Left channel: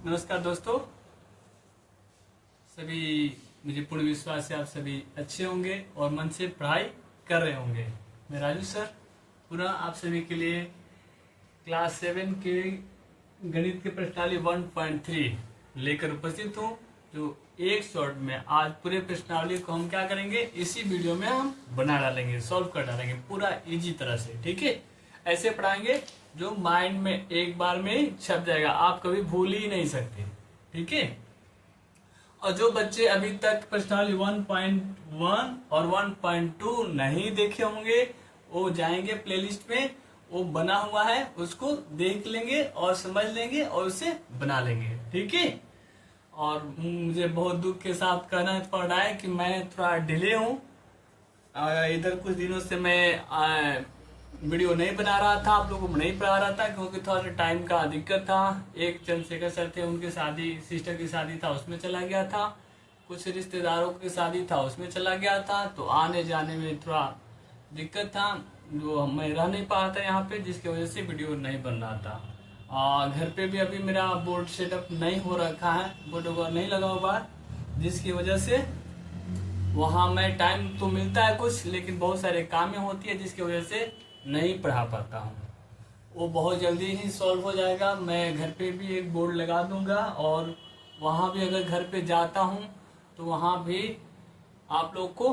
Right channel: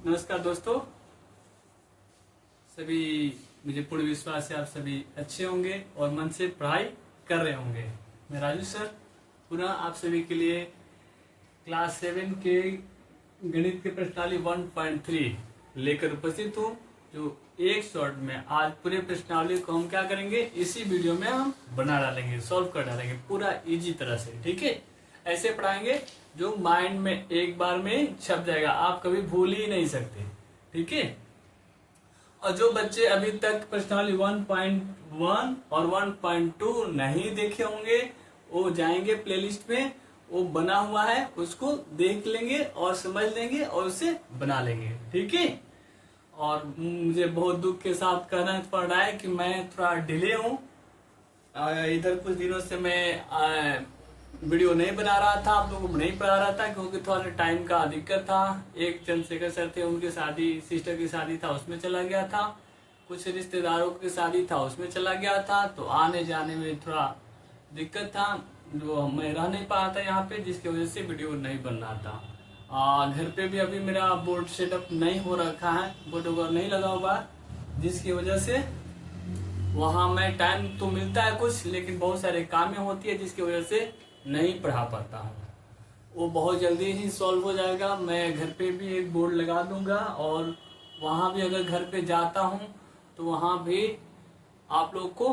नमस्कार दोस्तों, सभी मुझे पूर्ण विश्वास है आप सभी अच्छे होंगे और मन से पढ़ाई कर रहे होंगे। मैं राजू सर पुनः आप सभी के लिए क्लास 7 के गणित के प्रश्नावली 1.3 लेकर उपस्थित हूँ, जो एक शॉर्ट में आज पूरे प्रश्नावली को हम क्या करेंगे, इसी वीडियो में हम बना डालेंगे, सॉल्व कर डालेंगे पूरा इजी तरह से। ठीक है, ऐसे पढ़ाएंगे जो माइंड में एक बार में छप जाएगा, आप कभी भूल ही नहीं सकते। ठीक है, और जो बच्चे अभी तक प्रश्नावली 1.1 और 1.2 नहीं देखे होंगे वो जाएंगे प्लेलिस्ट में, वो बना हुआ है, उसको देख लेंगे और समझ लेंगे और उसे बना लेंगे। ठीक है, और मुझे बहुत दुख के साथ कहना पड़ रहा है कि मैं थोड़ा डिले हूँ। इधर कुछ दिनों से मैं वीडियो नहीं बना रहा था, आप लोगों को नहीं पढ़ा रहा था, क्योंकि थोड़ा टाइम का दिक्कत था। एक चंद्रशेखर सर थे, उनकी शादी, सिस्टर की शादी था, उसमें चला गया था। कुछ रिश्तेदारों की शादी था, उसमें चला गया था, तो आने जाने में थोड़ा दिक्कत था, जो मैं रह नहीं पा रहा था यहाँ पे, जिसकी वजह से वीडियो नहीं बन रहा था। घर पे भी अभी मेरा बोर्ड सेटअप नहीं हो रखा है, बोर्ड वगैरह नहीं लगा हुआ, जिसकी वजह से वहाँ मैं टाइम तो मिलता है कुछ, लेकिन बहुत सारे कामें होती है, जिसकी वजह से नहीं पढ़ा पाता हूँ। वो बहुत जल्दी ही सॉल्व हो जाएगा। मैं घर पे भी एक बोर्ड लगा दूंगा, और वहाँ भी अगर घर पे जाता हूँ तो वहाँ भी आप लोग को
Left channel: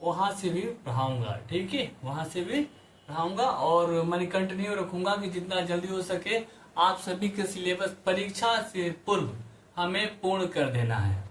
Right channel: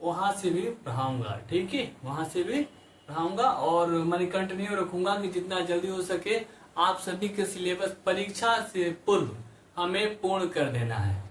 वहाँ से भी पढ़ाऊंगा। ठीक है, वहाँ से भी पढ़ाऊंगा, और मैंने कंटिन्यू रखूंगा कि जितना जल्दी हो सके आप सभी के सिलेबस परीक्षा से पूर्व हमें पूर्ण कर देना है।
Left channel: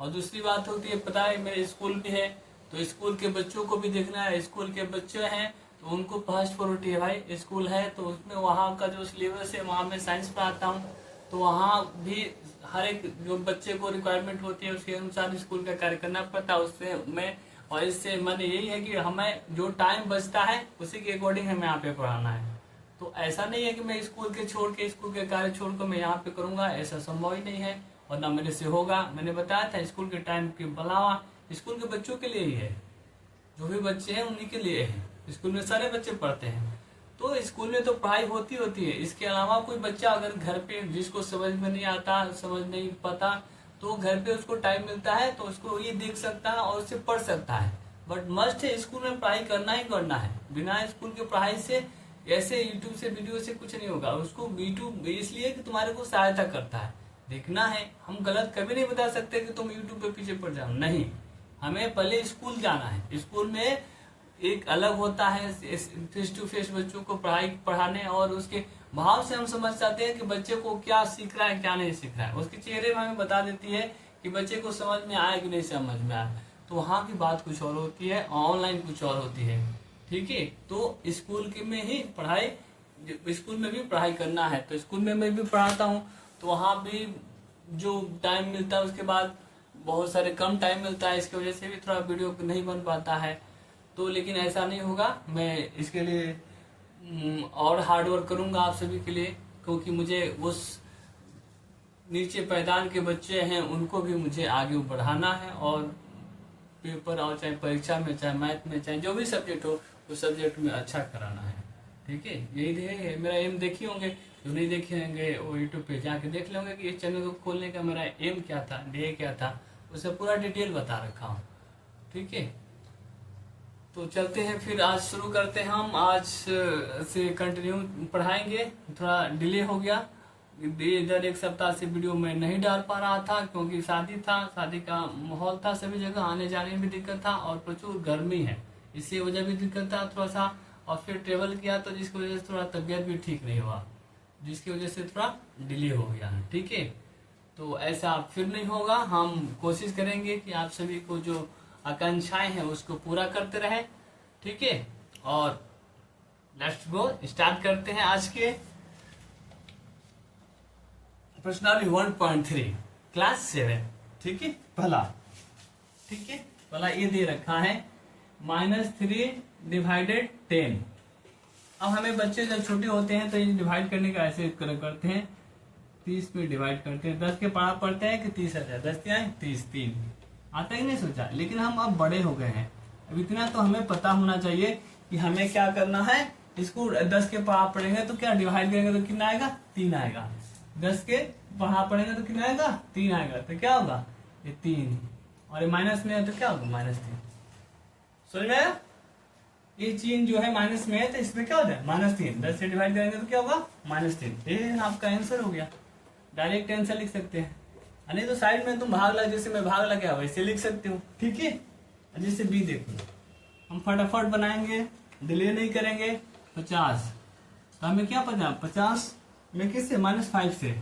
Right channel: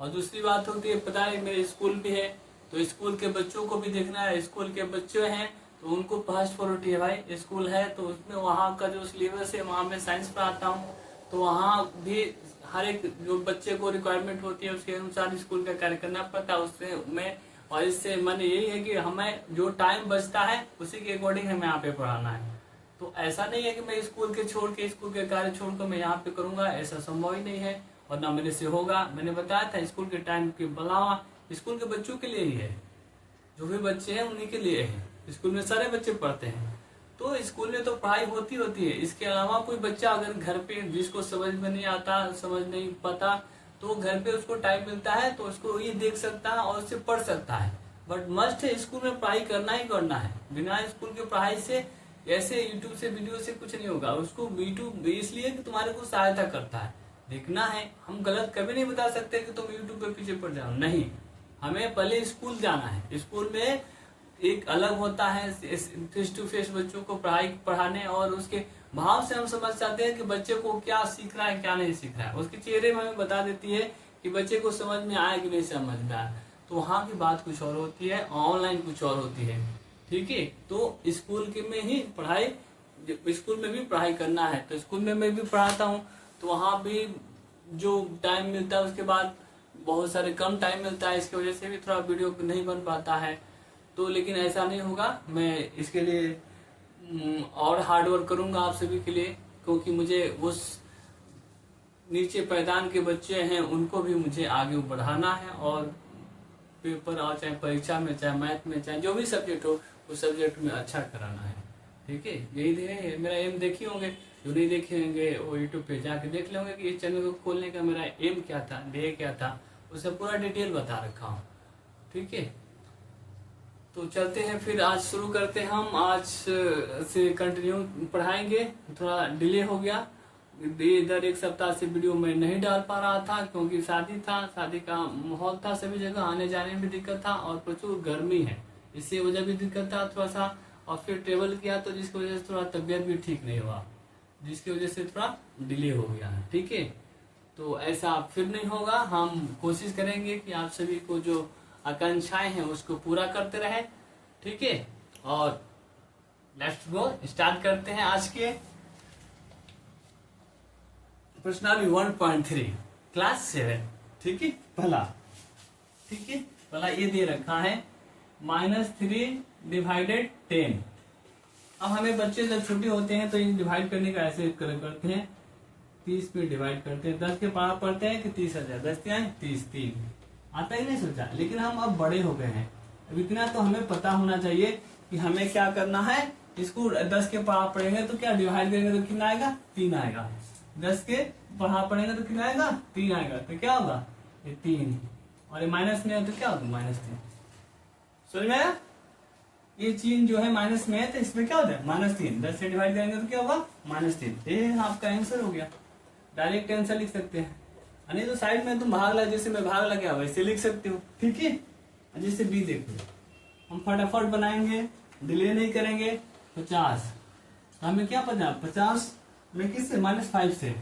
और दूसरी बात होती है, पता है मेरे स्कूल भी है, तो स्कूल के बच्चों को भी देखना है। स्कूल के बच्चे हैं तो उनको फर्स्ट प्रायोरिटी है भाई। स्कूल है तो उसमें वहाँ का जो सिलेबस है, वहाँ मैं साइंस पढ़ाता हूँ, तो वहाँ भी हर एक जो बच्चे को रिक्वायरमेंट होती है उसके अनुसार स्कूल का कार्य करना पड़ता है उसमें मैं। और इससे मन यही है कि हमें जो टाइम बचता है उसी के अकॉर्डिंग हमें यहाँ पे पढ़ाना है। तो ऐसा नहीं है कि मैं स्कूल के छोड़ के, स्कूल के कार्य छोड़ कर मैं यहाँ पे करूंगा, ऐसा संभव ही नहीं है, और ना मेरे से होगा। मैंने बताया था स्कूल के टाइम के बुलावा स्कूल के बच्चों के लिए ही है, जो भी बच्चे हैं उन्हीं के लिए है। स्कूल में सारे बच्चे पढ़ते हैं, तो स्कूल में तो पढ़ाई होती है। इसके अलावा कोई बच्चा अगर घर पे जिसको समझ में नहीं आता, समझ नहीं पाता, तो घर पे उसको टाइम मिलता है तो उसको ये देख सकता है और उससे पढ़ सकता है। बट मस्ट है, स्कूल में पढ़ाई करना ही करना है। बिना स्कूल की पढ़ाई से, ऐसे यूट्यूब से वीडियो से कुछ नहीं होगा। उसको यूट्यूब इसलिए कि तुम्हारे को सहायता करता है, देखना है। हम गलत कभी नहीं बता सकते कि तुम यूट्यूब पे पीछे पड़ जाओ, नहीं। हमें पहले स्कूल जाना है। स्कूल में एक अलग होता है फेस टू फेस बच्चों को पढ़ाने, और उसके भाव से हम समझ जाते हैं कि बच्चे को क्या सीख रहा है, क्या नहीं सीख रहा है। उसके चेहरे में हमें बता देती है कि बच्चे को समझ में आया कि नहीं समझ में आया। तो वहाँ की बात कुछ और होती है, ऑनलाइन कुछ और होती है। ठीक है, तो स्कूल के में ही पढ़ाई, स्कूल में भी पढ़ाई करना है तो स्कूल में मैं भी पढ़ाता हूँ, तो वहाँ भी जो टाइम मिलता है उसके बाद बहुत सारे कम टाइम मिलता है, इसकी वजह से भी थोड़ा वीडियो नहीं बन पाता है। तो लेकिन ऐसा नहीं होगा, मैं इसके लिए और हार्ड वर्क करूंगा आप सभी के लिए, क्योंकि मुझे उस नीचे पैदान के बच्चे हैं उनको भी मुझे आगे बढ़ाना है, और पेपर और चाहे परीक्षा में, चाहे मैथ में, चाहे जो भी सब्जेक्ट हो उस सब्जेक्ट में अच्छा कराना है। ठीक है, यही है मेरा एम। देखे होंगे, जो नहीं देखे होंगे वो यूट्यूब पे जाके देख लेंगे कि इस चैनल को खोलने का मेरा एम क्या था, ध्येय क्या था, उसे पूरा डिटेल बता रखा हूँ। ठीक है, तो चलते हैं फिर, आज शुरू करते हैं। हम आज से कंटिन्यू पढ़ाएंगे। थोड़ा डिले हो गया, इधर एक सप्ताह से वीडियो में नहीं डाल पा रहा था, क्योंकि शादी था, शादी का माहौल था, सभी जगह आने जाने में भी दिक्कत था, और प्रचुर गर्मी है, इससे वजह भी दिक्कत था थोड़ा सा। और फिर ट्रेवल किया तो जिसकी वजह से थोड़ा तबियत भी ठीक नहीं हुआ, जिसकी वजह से थोड़ा डिले हो गया है। ठीक है, तो ऐसा फिर नहीं होगा। हम कोशिश करेंगे कि आप सभी को जो आकांक्षाएं हैं उसको पूरा करते रहे। ठीक है, और लेट्स गो, स्टार्ट करते हैं आज के प्रश्नावली 1.3 क्लास 7। ठीक है, पहला, ठीक है, पहला ये दे रखा है -3 डिवाइडेड 10। अब हमें बच्चे जब छोटे होते हैं तो ये डिवाइड करने का ऐसे करते हैं, 30 में डिवाइड करते हैं, 10 के पारा पढ़ते हैं कि 30 आ जाए, 10 क्या है 30, 3 आता ही नहीं सोचा। लेकिन हम अब बड़े हो गए हैं, अब इतना तो हमें पता होना चाहिए कि हमें क्या करना है। इसको 10 के पारा पढ़ेंगे तो क्या डिवाइड करेंगे तो कितना आएगा, 3 आएगा। 10 के बढ़ा पड़ेंगे तो कितना आएगा, 3 आएगा। तो क्या होगा, ये 3 और ये माइनस में है तो क्या होगा, -3। समझ में आया? ये चिन्ह जो है माइनस में है तो इसमें क्या हो जाए, -3। 10 से डिवाइड करेंगे तो क्या होगा, -3। ये आपका आंसर हो गया। डायरेक्ट आंसर लिख सकते हैं, नहीं तो साइड में तुम भाग लगा, जैसे मैं भाग लगा वैसे लिख सकते हो। ठीक है, जैसे बी देखो, हम फटाफट बनाएंगे, डिले नहीं करेंगे। 50 तो हमें क्या पता, 50 में किससे, -5 से,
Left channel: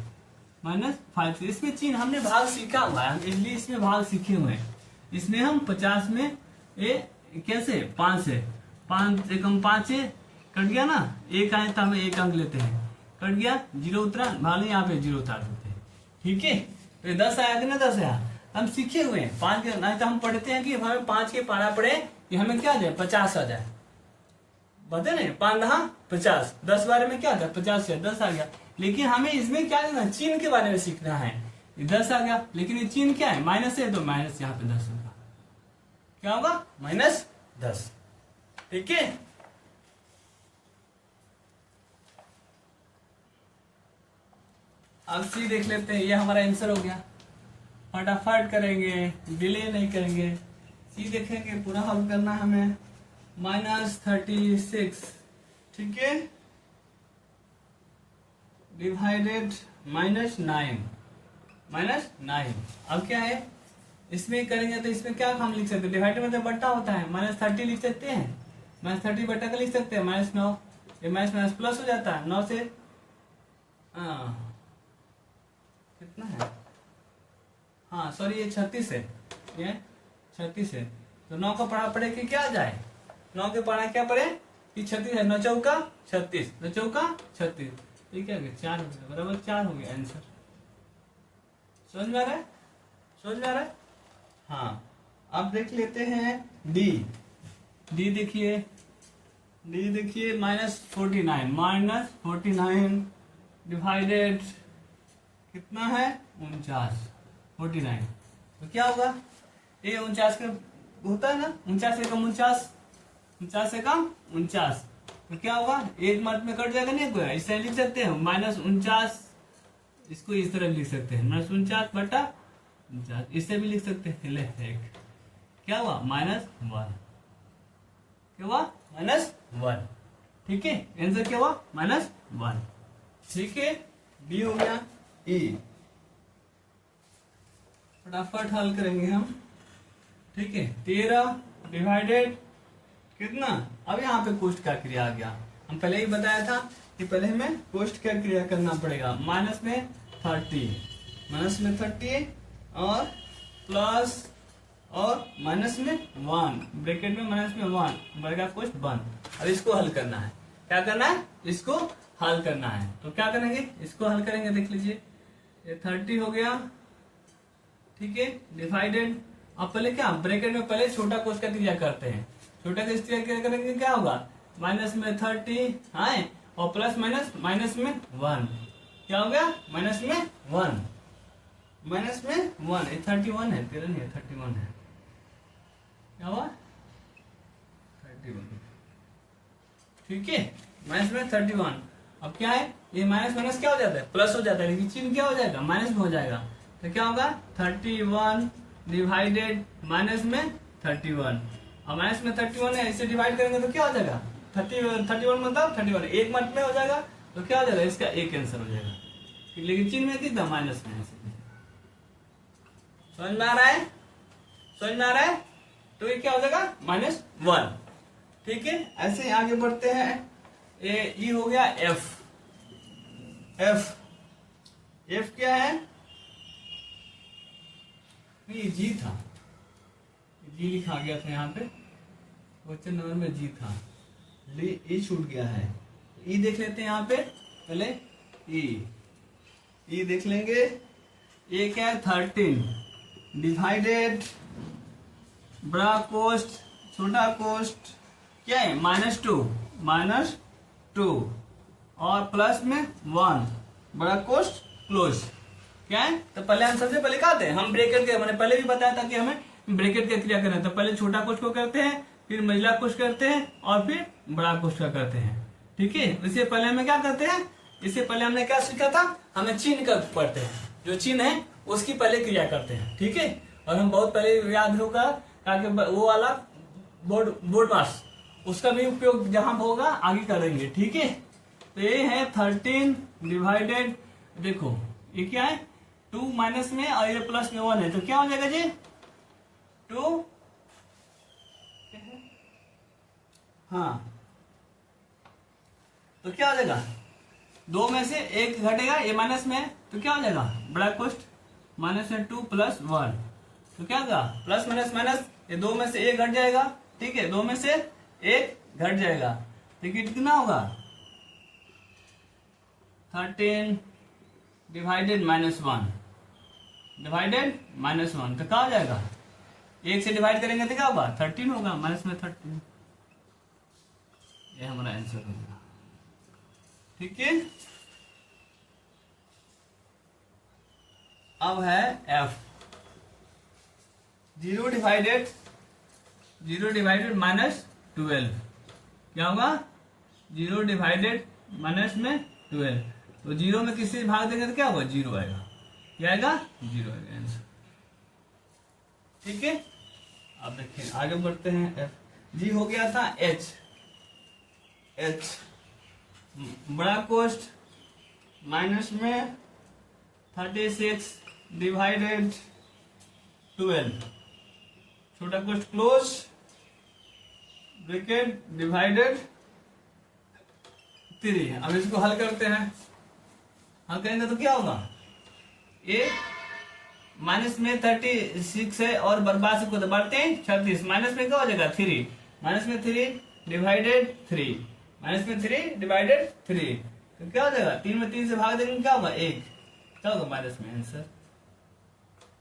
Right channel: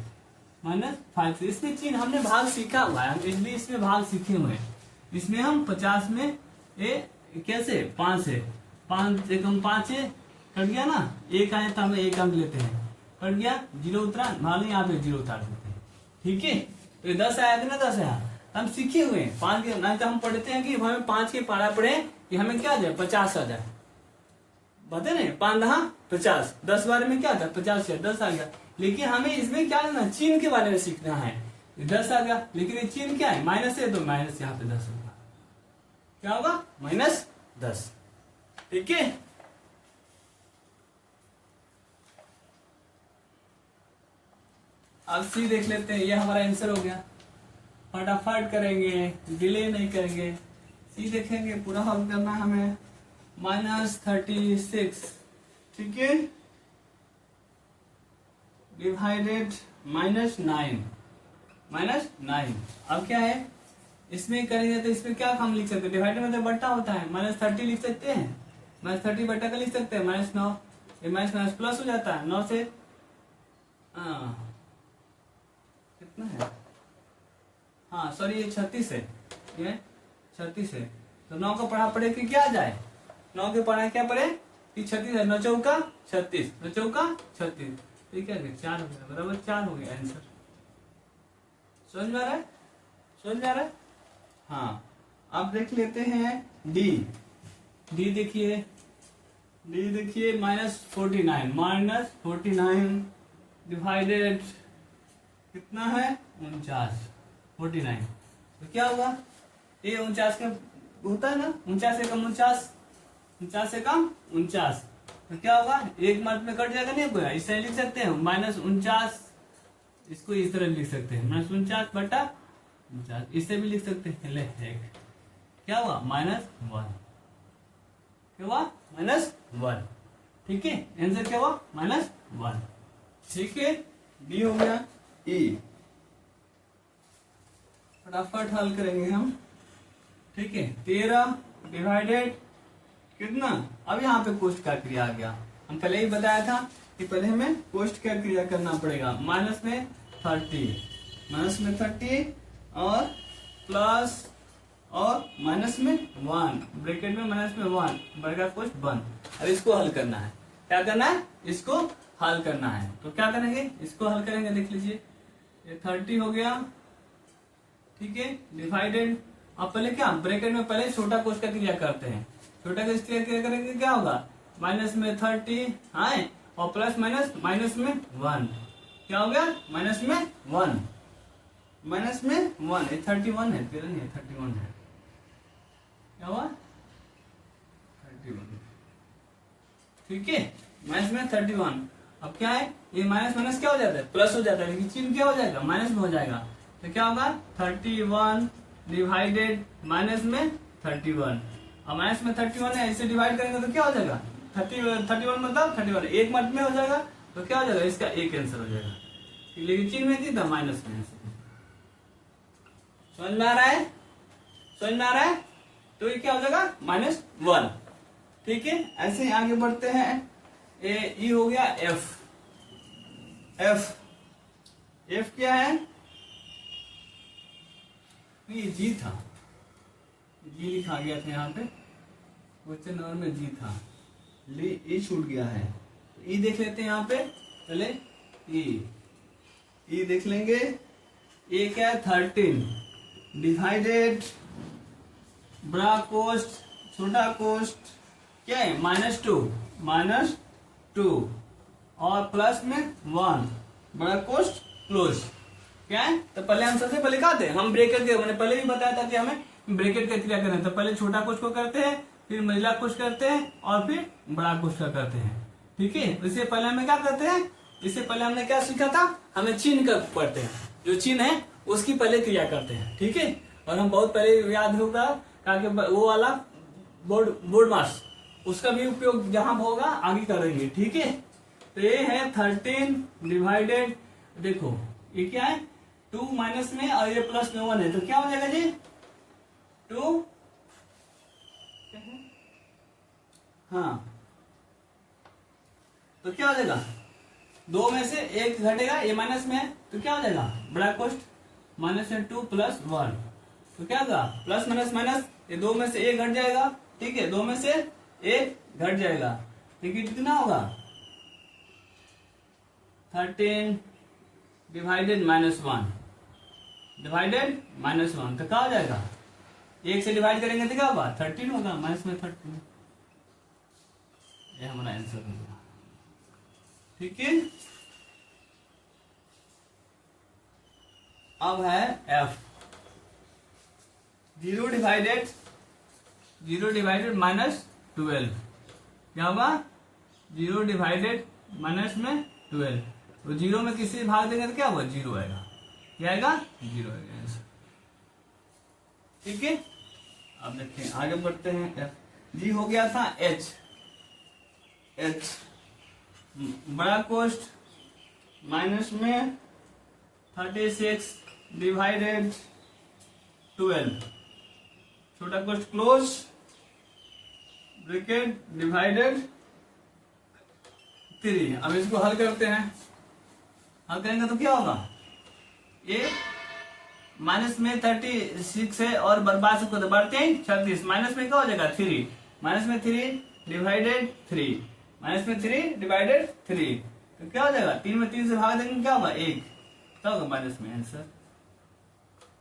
-5 से। इसमें चिन्ह हमने भाग सीखा हुआ है, इसलिए इसमें भाग सीखे हुए हैं। इसमें हम 50 में ये कैसे, 5 से, 5 एकम 5 है, कट गया ना, 1 आए तो हमें 1 अंक लेते हैं, कट गया, 0 उतरा, भाग यहाँ पे 0 उतार देते हैं। ठीक है, तो 10 आया कि ना, 10 आया, हम सीखे हुए हैं। 5 के नहीं तो हम पढ़ते हैं कि हमें 5 के पारा पड़े कि हमें क्या आ जाए, 50 आ जाए, बता नहीं, 5 रहा 50, 10 बारे में क्या था, 50 या 10 आ गया। लेकिन हमें इसमें क्या करना, चिन्ह के बारे में सीखना है। 10 आ गया, लेकिन ये चिन्ह क्या है, माइनस है, तो माइनस यहाँ पे 10 होगा, क्या होगा, -10। ठीक है, अब सी देख लेते हैं, ये हमारा आंसर हो गया। फटाफट करेंगे, डिले नहीं करेंगे। सी देखेंगे, पूरा हल करना है हमें। -36, ठीक है, डिवाइडेड -9। अब क्या है, इसमें करेंगे तो इसमें क्या हम लिख सकते हैं, डिवाइडेड मतलब बट्टा होता है, -30 लिख सकते हैं, -30 बट्टा का लिख सकते हैं, -9, ये माइनस प्लस हो जाता है 9 से, कितना है, हाँ सॉरी ये 36 है, ये 36 है। तो 9 का पढ़ा पड़े कि क्या आ जाए, 9 के पढ़ा क्या पड़े कि 36 है, 9 चौका 36, 9 चौका 36, ठीक है, 4 बराबर 4 हो गया आंसर। समझ में आ रहा है, समझ में आ रहा है? हाँ, अब देख लेते हैं डी। डी देखिए, -49 डिवाइडेड कितना है, 49। तो क्या होगा, ये 49 का होता है ना, 49 से कम 49 से कम 49, तो क्या होगा, एक मार्क में कट जाएगा, नहीं कोई इसे लिख सकते हैं, -49, इसको इस तरह लिख सकते हैं, -49 बटा 49, इससे भी लिख सकते हैं। ले एक क्या हुआ, -1, क्या हुआ, -1। ठीक है, आंसर क्या हुआ, -1। ठीक है, बी हो गया। ई फटाफट हल करेंगे हम। ठीक है, 13 डिवाइडेड कितना, अब यहाँ पे कोष्ट का क्रिया आ गया। हम पहले ही बताया था कि पहले हमें कोष्ट का क्रिया करना पड़ेगा। माइनस में 30 और प्लस और माइनस में 1, ब्रैकेट में माइनस में 1, बड़का कोष्ट बंद। अब इसको हल करना है, क्या करना है, इसको हल करना है। तो क्या करेंगे, इसको हल करेंगे, देख लीजिए, ये 30 हो गया, ठीक है, डिवाइडेड। अब पहले क्या, ब्रैकेट में पहले छोटा कोष्ट का क्रिया करते हैं, छोटा कोष्ट का क्रिया करेंगे, क्या होगा, माइनस में 30 है और प्लस माइनस माइनस में 1, क्या हो गया, माइनस में 1, माइनस में 1, 31 है, 13 नहीं है, 31 है, क्या हुआ, 31, ठीक है, माइनस में 31। अब क्या है, ये माइनस माइनस क्या हो जाता है, प्लस हो जाता है, लेकिन चिन्ह क्या हो जाएगा, माइनस में हो जाएगा। तो क्या होगा, 31 डिवाइडेड माइनस में 31, और माइनस में 31 है, इसे डिवाइड करेंगे तो क्या हो जाएगा, 31 मतलब 31 एक मत में हो जाएगा, तो क्या हो जाएगा, इसका एक आंसर हो जाएगा। लेकिन चिन्ह में कितना, माइनस में। समझ में आ रहा है, समझ में आ रहा है? तो ये क्या हो जाएगा, -1। ठीक है, ऐसे ही आगे बढ़ते हैं। ये हो गया एफ। एफ क्या है, ये जी था, जी लिखा गया था यहाँ पे, क्वेश्चन नंबर में जी था, ई छूट गया है। ई देख लेते हैं यहाँ पे, पहले ई देख लेंगे। ये क्या है, 13 डिवाइडेड बड़ा कोष्ट छोटा कोष्ट क्या है, -2 और प्लस में 1 बड़ा कोष्ट क्लोज, क्या है। तो पहले हम सबसे पहले क्या हैं, हम ब्रैकेट के, मैंने पहले भी बताया था कि हमें ब्रैकेट का क्रिया करना है। तो पहले छोटा कोष्ट को करते हैं, फिर मझिला कोष्ट करते हैं और फिर बड़ा कोष्ट का करते हैं। ठीक है, इससे पहले हमें क्या करते हैं, इससे पहले हमने क्या सीखा था, हमें चिन्ह कर पढ़ते हैं, जो चिन्ह है उसकी पहले क्रिया करते हैं, ठीक है। और हम बहुत पहले याद होगा ताकि वो वाला बोर्ड मास उसका भी उपयोग जहां होगा आगे करेंगे, ठीक है। तो ये है 13 डिवाइडेड, देखो ये क्या है 2 माइनस में और ये प्लस में 1 है, तो क्या हो जाएगा जी 2, हाँ तो क्या हो जाएगा 2 में से 1 घटेगा, ये माइनस में है तो क्या हो जाएगा बड़ा कोष्ट माइनस में 2 प्लस 1, तो क्या होगा प्लस माइनस माइनस, ये 2 में से 1 घट जाएगा, ठीक है, 2 में से 1 घट जाएगा, लेकिन कितना होगा 13 डिवाइडेड -1 डिवाइडेड -1, तो क्या हो जाएगा 1 से डिवाइड करेंगे तो क्या होगा 13 होगा, माइनस में 13, ये हमारा आंसर होगा, ठीक है। अब है f 0 डिवाइडेड -12, क्या होगा 0 डिवाइडेड माइनस में 12, तो 0 में किसी भाग देंगे तो क्या होगा 0 आएगा, क्या आएगा 0 आएगा आंसर, ठीक है। अब देखें आगे बढ़ते हैं, f जी हो गया था h बड़ा कोष्ट माइनस में 36 डिवाइडेड 12, छोटा कोष्ट क्लोज ब्रैकेट डिवाइडेड 3। अब इसको हल करते हैं, हल करेंगे तो क्या होगा, ये माइनस में 36 है और बर्बाद से बढ़ते हैं 36, माइनस में क्या हो जाएगा 3, माइनस में 3 डिवाइडेड 3, माइनस में 3 डिवाइडेड 3, तो क्या हो जाएगा 3 में 3 से भाग देंगे क्या होगा 1, क्या होगा माइनस में आंसर।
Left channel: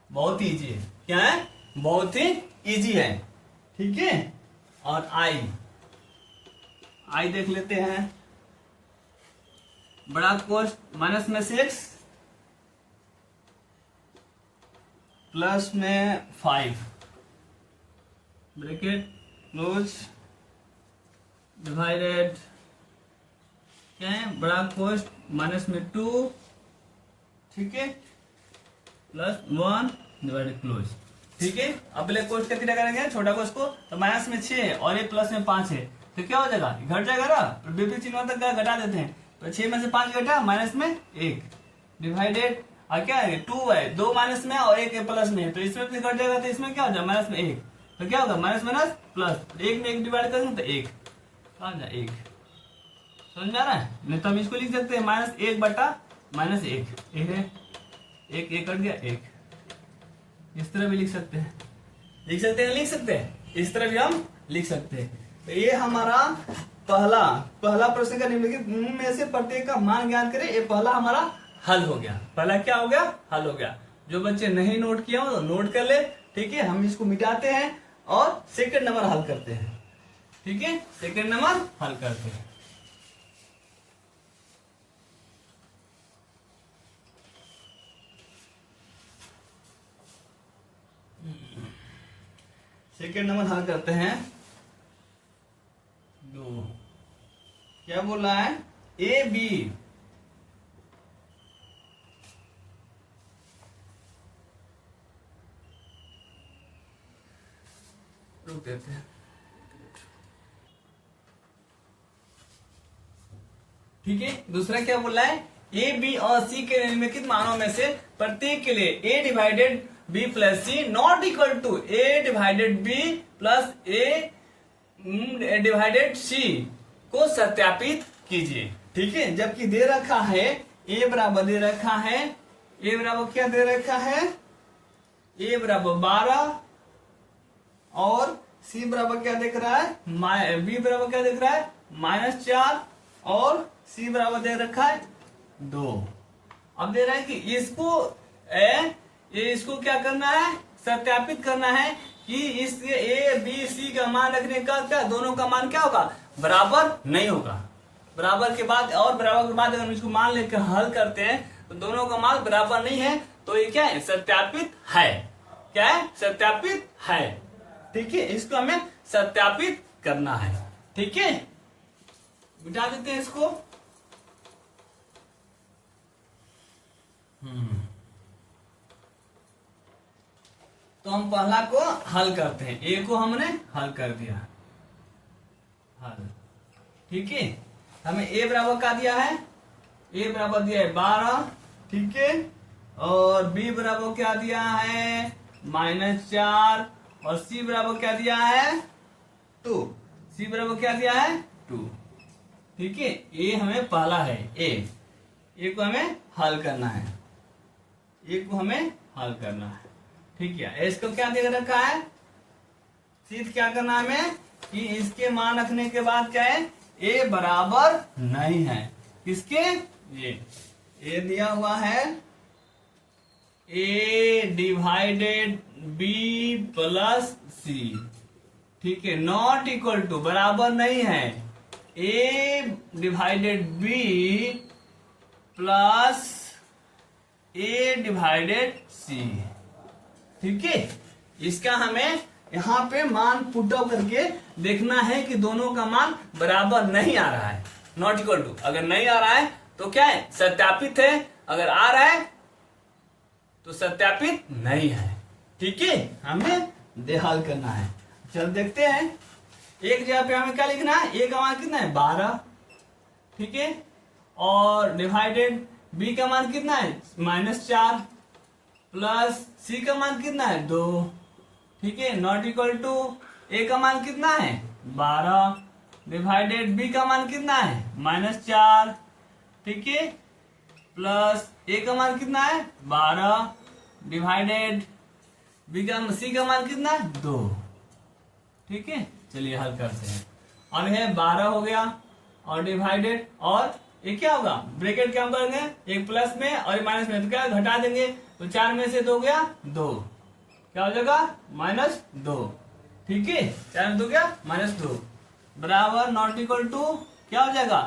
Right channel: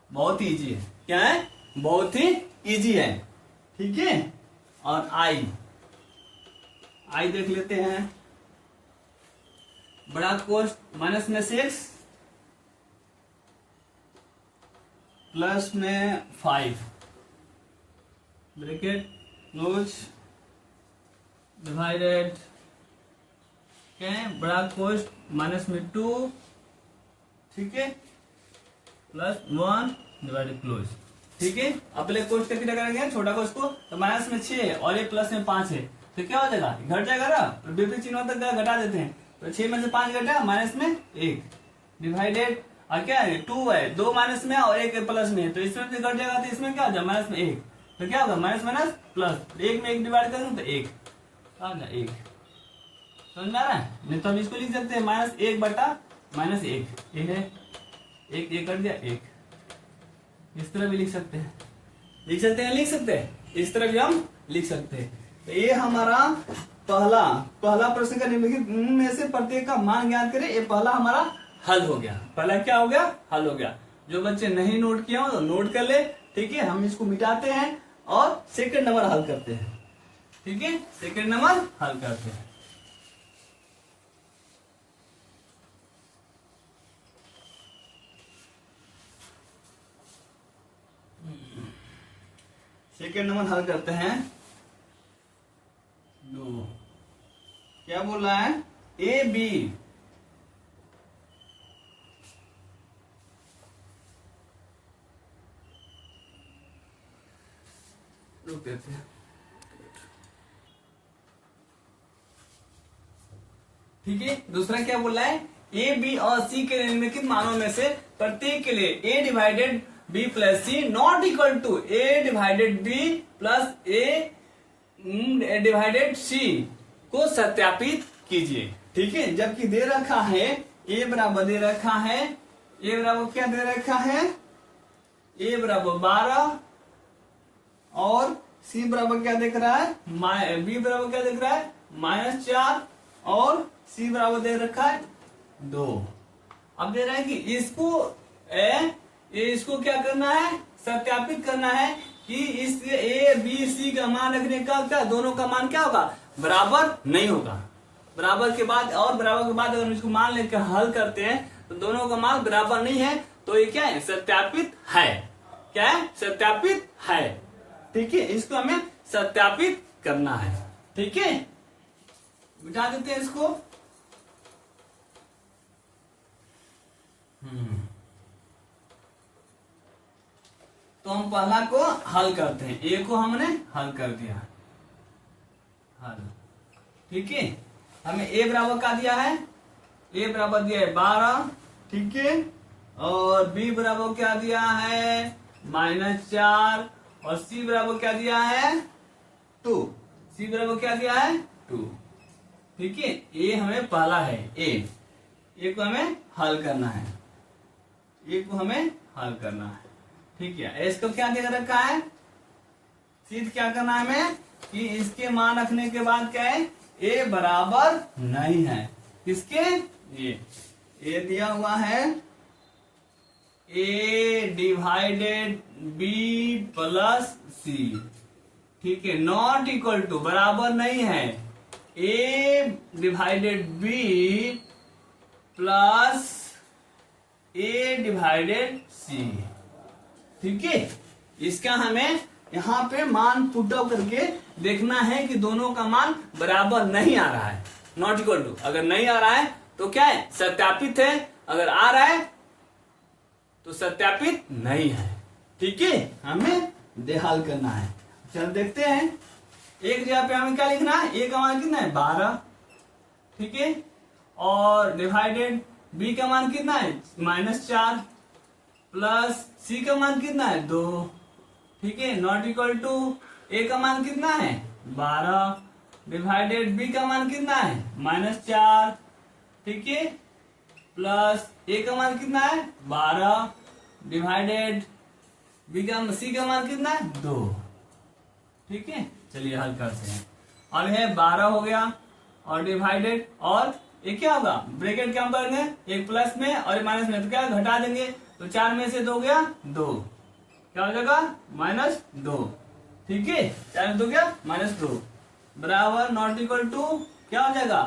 बहुत ही इजी है, क्या है बहुत ही इजी है, ठीक है। और आई देख लेते हैं, बड़ा कोष्ट माइनस में 6 प्लस में 5 ब्रैकेट क्लोज डिवाइडेड, क्या है बड़ा कोष्ट माइनस में 2, ठीक है, प्लस 1 डिवाइडेड क्लोज, ठीक है। अब पहले कोष्ट का क्या करेंगे छोटा कोष्ट को, तो माइनस में 6 है और ये प्लस में 5 है, तो क्या हो जाएगा घट जाएगा ना, तो बेबी चिन्हों तक घटा देते हैं, तो 6 में से 5 घटा माइनस में 1 डिवाइडेड, और क्या है 2 है, 2 माइनस में और 1 प्लस में, तो इसमें भी घट जाएगा, तो इसमें क्या हो जाएगा माइनस में 1, तो क्या होगा माइनस माइनस प्लस, 1 में 1 डिवाइड करेंगे तो 1, क्या होगा 1, समझ में आ रहा है। नहीं तो हम इसको लिख सकते हैं -1 बटा -1, एक है 1 कट गया 1, इस तरह भी लिख सकते हैं, लिख सकते हैं इस तरह भी हम लिख सकते हैं। तो ये हमारा पहला प्रश्न का निम्नलिखित में से प्रत्येक का मान ज्ञात करें, ये पहला हमारा हल हो गया, पहला क्या हो गया हल हो गया। जो बच्चे नहीं नोट किया हो तो नोट कर ले, ठीक है। हम इसको मिटाते हैं और सेकंड नंबर हल करते हैं, ठीक है, सेकंड नंबर हल करते हैं। सेकेंड नंबर हल करते हैं, लो क्या बोल रहा है ए बी, रुक देते हैं, ठीक है। दूसरा क्या बोल रहा है ए बी और सी के निम्नलिखित मानों में से प्रत्येक के लिए A divided B plus C not equal to A divided B plus A divided C को सत्यापित कीजिए, ठीक है। जबकि दे रखा है ए बराबर दे रखा है, ए बराबर क्या दे रखा है ए बराबर 12 और सी बराबर क्या देख रहा है बी बराबर क्या देख रहा है -4 और सी बराबर दे रखा है 2। अब दे रहा है कि इसको क्या करना है सत्यापित करना है कि इस ए बी सी का मान रखने का क्या दोनों का मान क्या होगा बराबर नहीं होगा। बराबर के बाद अगर हम इसको मान लेकर हल करते हैं तो दोनों का मान बराबर नहीं है, तो ये क्या है सत्यापित है, क्या है सत्यापित है, ठीक है। इसको हमें सत्यापित करना है, ठीक है। मिटा देते हैं इसको, तो हम पहला को हल करते हैं। ए को हमने हल कर दिया, हल। ठीक है, हमें ए बराबर का दिया है, ए बराबर दिया है 12। ठीक है, और बी बराबर क्या दिया है -4, और सी बराबर क्या दिया है 2। सी बराबर क्या दिया है 2। ठीक है, ए हमें पहला है, ए को हमें हल करना है, ए को हमें हल करना है। ठीक है, इसको क्या दे रखा है, सीध क्या करना है हमें कि इसके मान रखने के बाद क्या है, ए बराबर नहीं है किसके, ए दिया हुआ है ए डिवाइडेड बी प्लस सी। ठीक है, नॉट इक्वल टू बराबर नहीं है ए divided B plus A divided सी। ठीक है, इसका हमें यहाँ पे मान पुट आउट करके देखना है कि दोनों का मान बराबर नहीं आ रहा है, नॉट इक्वल टू। अगर नहीं आ रहा है तो क्या है, सत्यापित है, अगर आ रहा है तो सत्यापित नहीं है। ठीक है, हमें हल करना है। चल देखते हैं, एक जगह पे हमें क्या लिखना है, ए का मान कितना है 12। ठीक है, और डिवाइडेड बी का मान कितना है -4 प्लस सी का मान कितना है 2। ठीक है, नॉट इक्वल टू ए का मान कितना है 12 डिवाइडेड बी का मान कितना है -4। ठीक है, प्लस ए का मान कितना है 12 डिवाइडेड बी का सी का मान कितना है 2। ठीक है, चलिए हल करते हैं। अब है 12 हो गया और डिवाइडेड, और ये क्या होगा, ब्रैकेट क्या करेंगे, एक प्लस में और एक माइनस में, तो क्या घटा देंगे, तो 4 में से 2 गया 2, क्या हो जाएगा -2। ठीक है, 4 में 2 गया -2 बराबर नॉट इक्वल टू क्या हो जाएगा,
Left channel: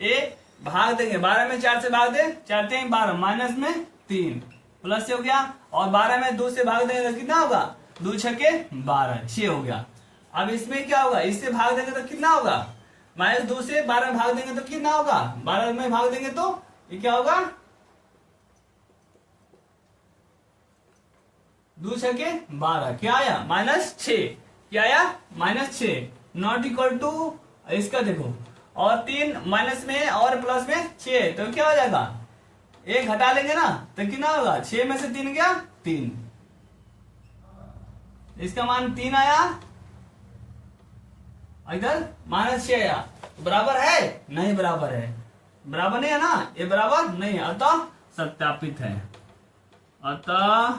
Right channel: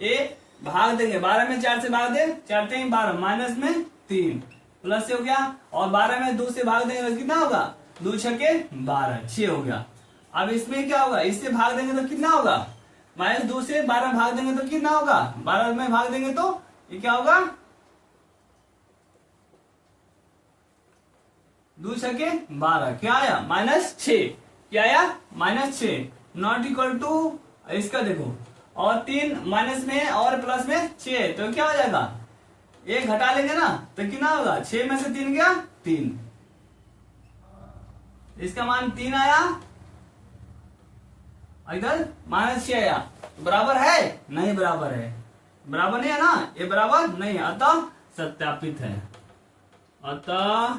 ए भाग देंगे 12 में 4 से भाग दे, 4 3 12 माइनस में 3 प्लस से हो गया, और 12 में 2 से भाग देंगे तो कितना होगा, 2 छके 12 6 हो गया। अब इसमें क्या होगा, इससे भाग देंगे तो कितना होगा, -2 से 12 भाग देंगे तो कितना होगा, 12 में भाग देंगे तो ये क्या होगा, 2 छके 12 क्या आया -6, क्या आया -6 नॉट इक्वल टू, इसका देखो, और 3 माइनस में और प्लस में 6, तो क्या हो जाएगा, एक घटा लेंगे ना तो कितना होगा, 6 में से 3 गया 3, इसका मान 3 आया, इधर -6 आया, बराबर है नहीं, बराबर है, बराबर नहीं है ना, ये बराबर नहीं है, अतः सत्यापित है, अतः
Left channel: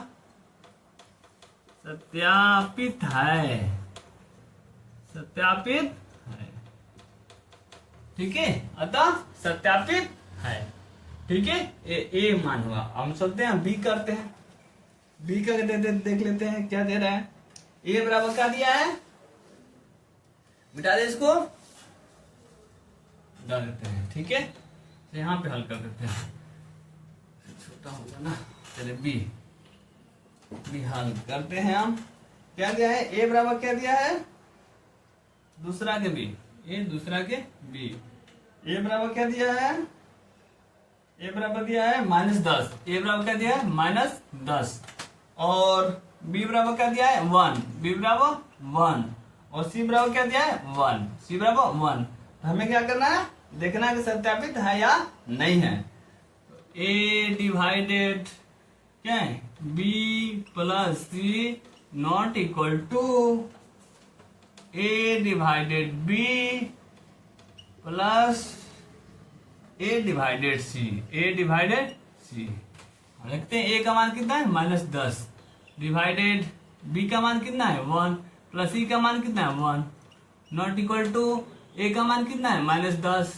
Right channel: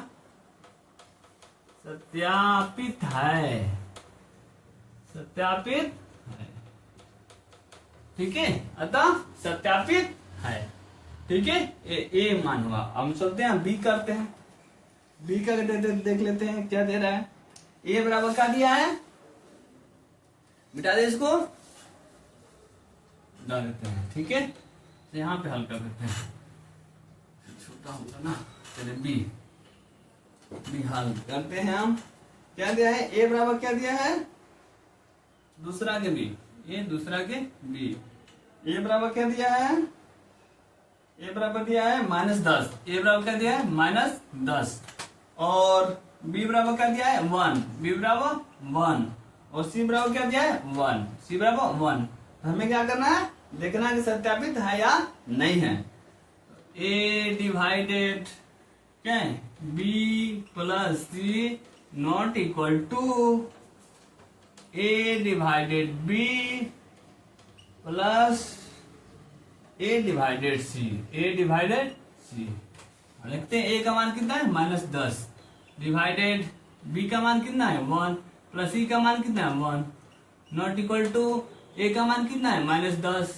सत्यापित है, सत्यापित है। ठीक है, अतः सत्यापित है। ठीक है, ए मान हुआ। हम चलते हैं बी करते हैं, बी का देख लेते हैं क्या दे रहा है, ए बराबर क्या दिया है, बिठा दे इसको, डाल देते हैं। ठीक है, तो यहाँ पे हल कर देते हैं, छोटा होगा ना, चलिए बी हल करते हैं हम। क्या दिया है, ए बराबर क्या दिया है, दूसरा के बी, ए दूसरा के बी, ए बराबर क्या दिया है, ए बराबर दिया है -10, ए बराबर क्या दिया है -10, और बी बराबर क्या दिया है 1, बी बराबर 1, और सी बराबर क्या दिया है 1, सी बराबर 1। तो हमें क्या करना है, देखना है कि सत्यापित है या नहीं है। ए डिवाइडेड क्या है B plus C not equal to A divided B plus A divided C, A divided C. देखते हैं ए का मान कितना है -10 डिवाइडेड बी का मान कितना है 1 प्लस सी का मान कितना है 1 नॉट इक्वल टू ए का मान कितना है -10।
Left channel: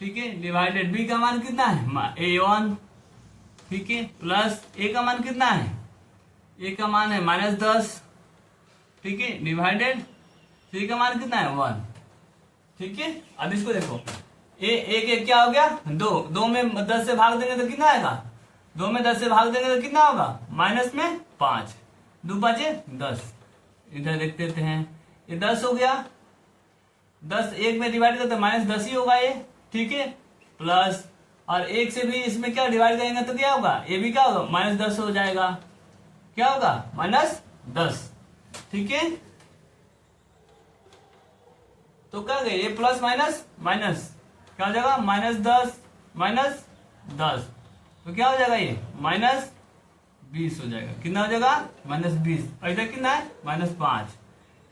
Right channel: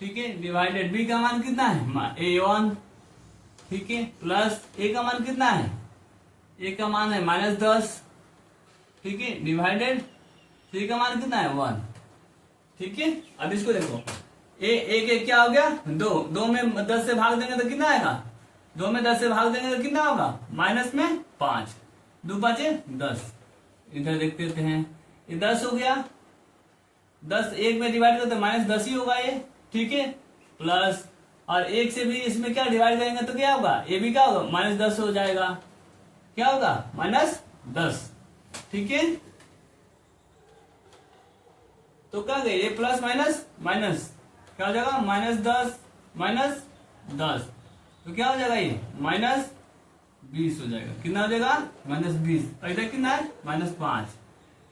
ठीक है, डिवाइडेड बी का मान कितना है a1। ठीक है, प्लस ए का मान कितना है, ए का मान है -10। ठीक है, डिवाइडेड सी का मान कितना है 1। ठीक है, अब इसको देखो, एक क्या हो गया 2 में 10 से भाग देंगे तो कितना आएगा, 2 में 10 से भाग देंगे तो कितना होगा, माइनस में 5, 2 5 10। इधर देख लेते हैं, ये 10 हो गया, 10 1 में डिवाइड करते -10 ही होगा ये। ठीक है, प्लस और 1 से भी इसमें क्या डिवाइड करेंगे तो क्या होगा, ये भी क्या होगा -10 हो जाएगा, क्या होगा 10। ठीक है, तो क्या गए ये प्लस माइनस माइनस क्या हो जाएगा, -10 -10, तो क्या हो जाएगा ये -20 हो जाएगा। कितना हो जाएगा, -20। और इधर कितना है, -5।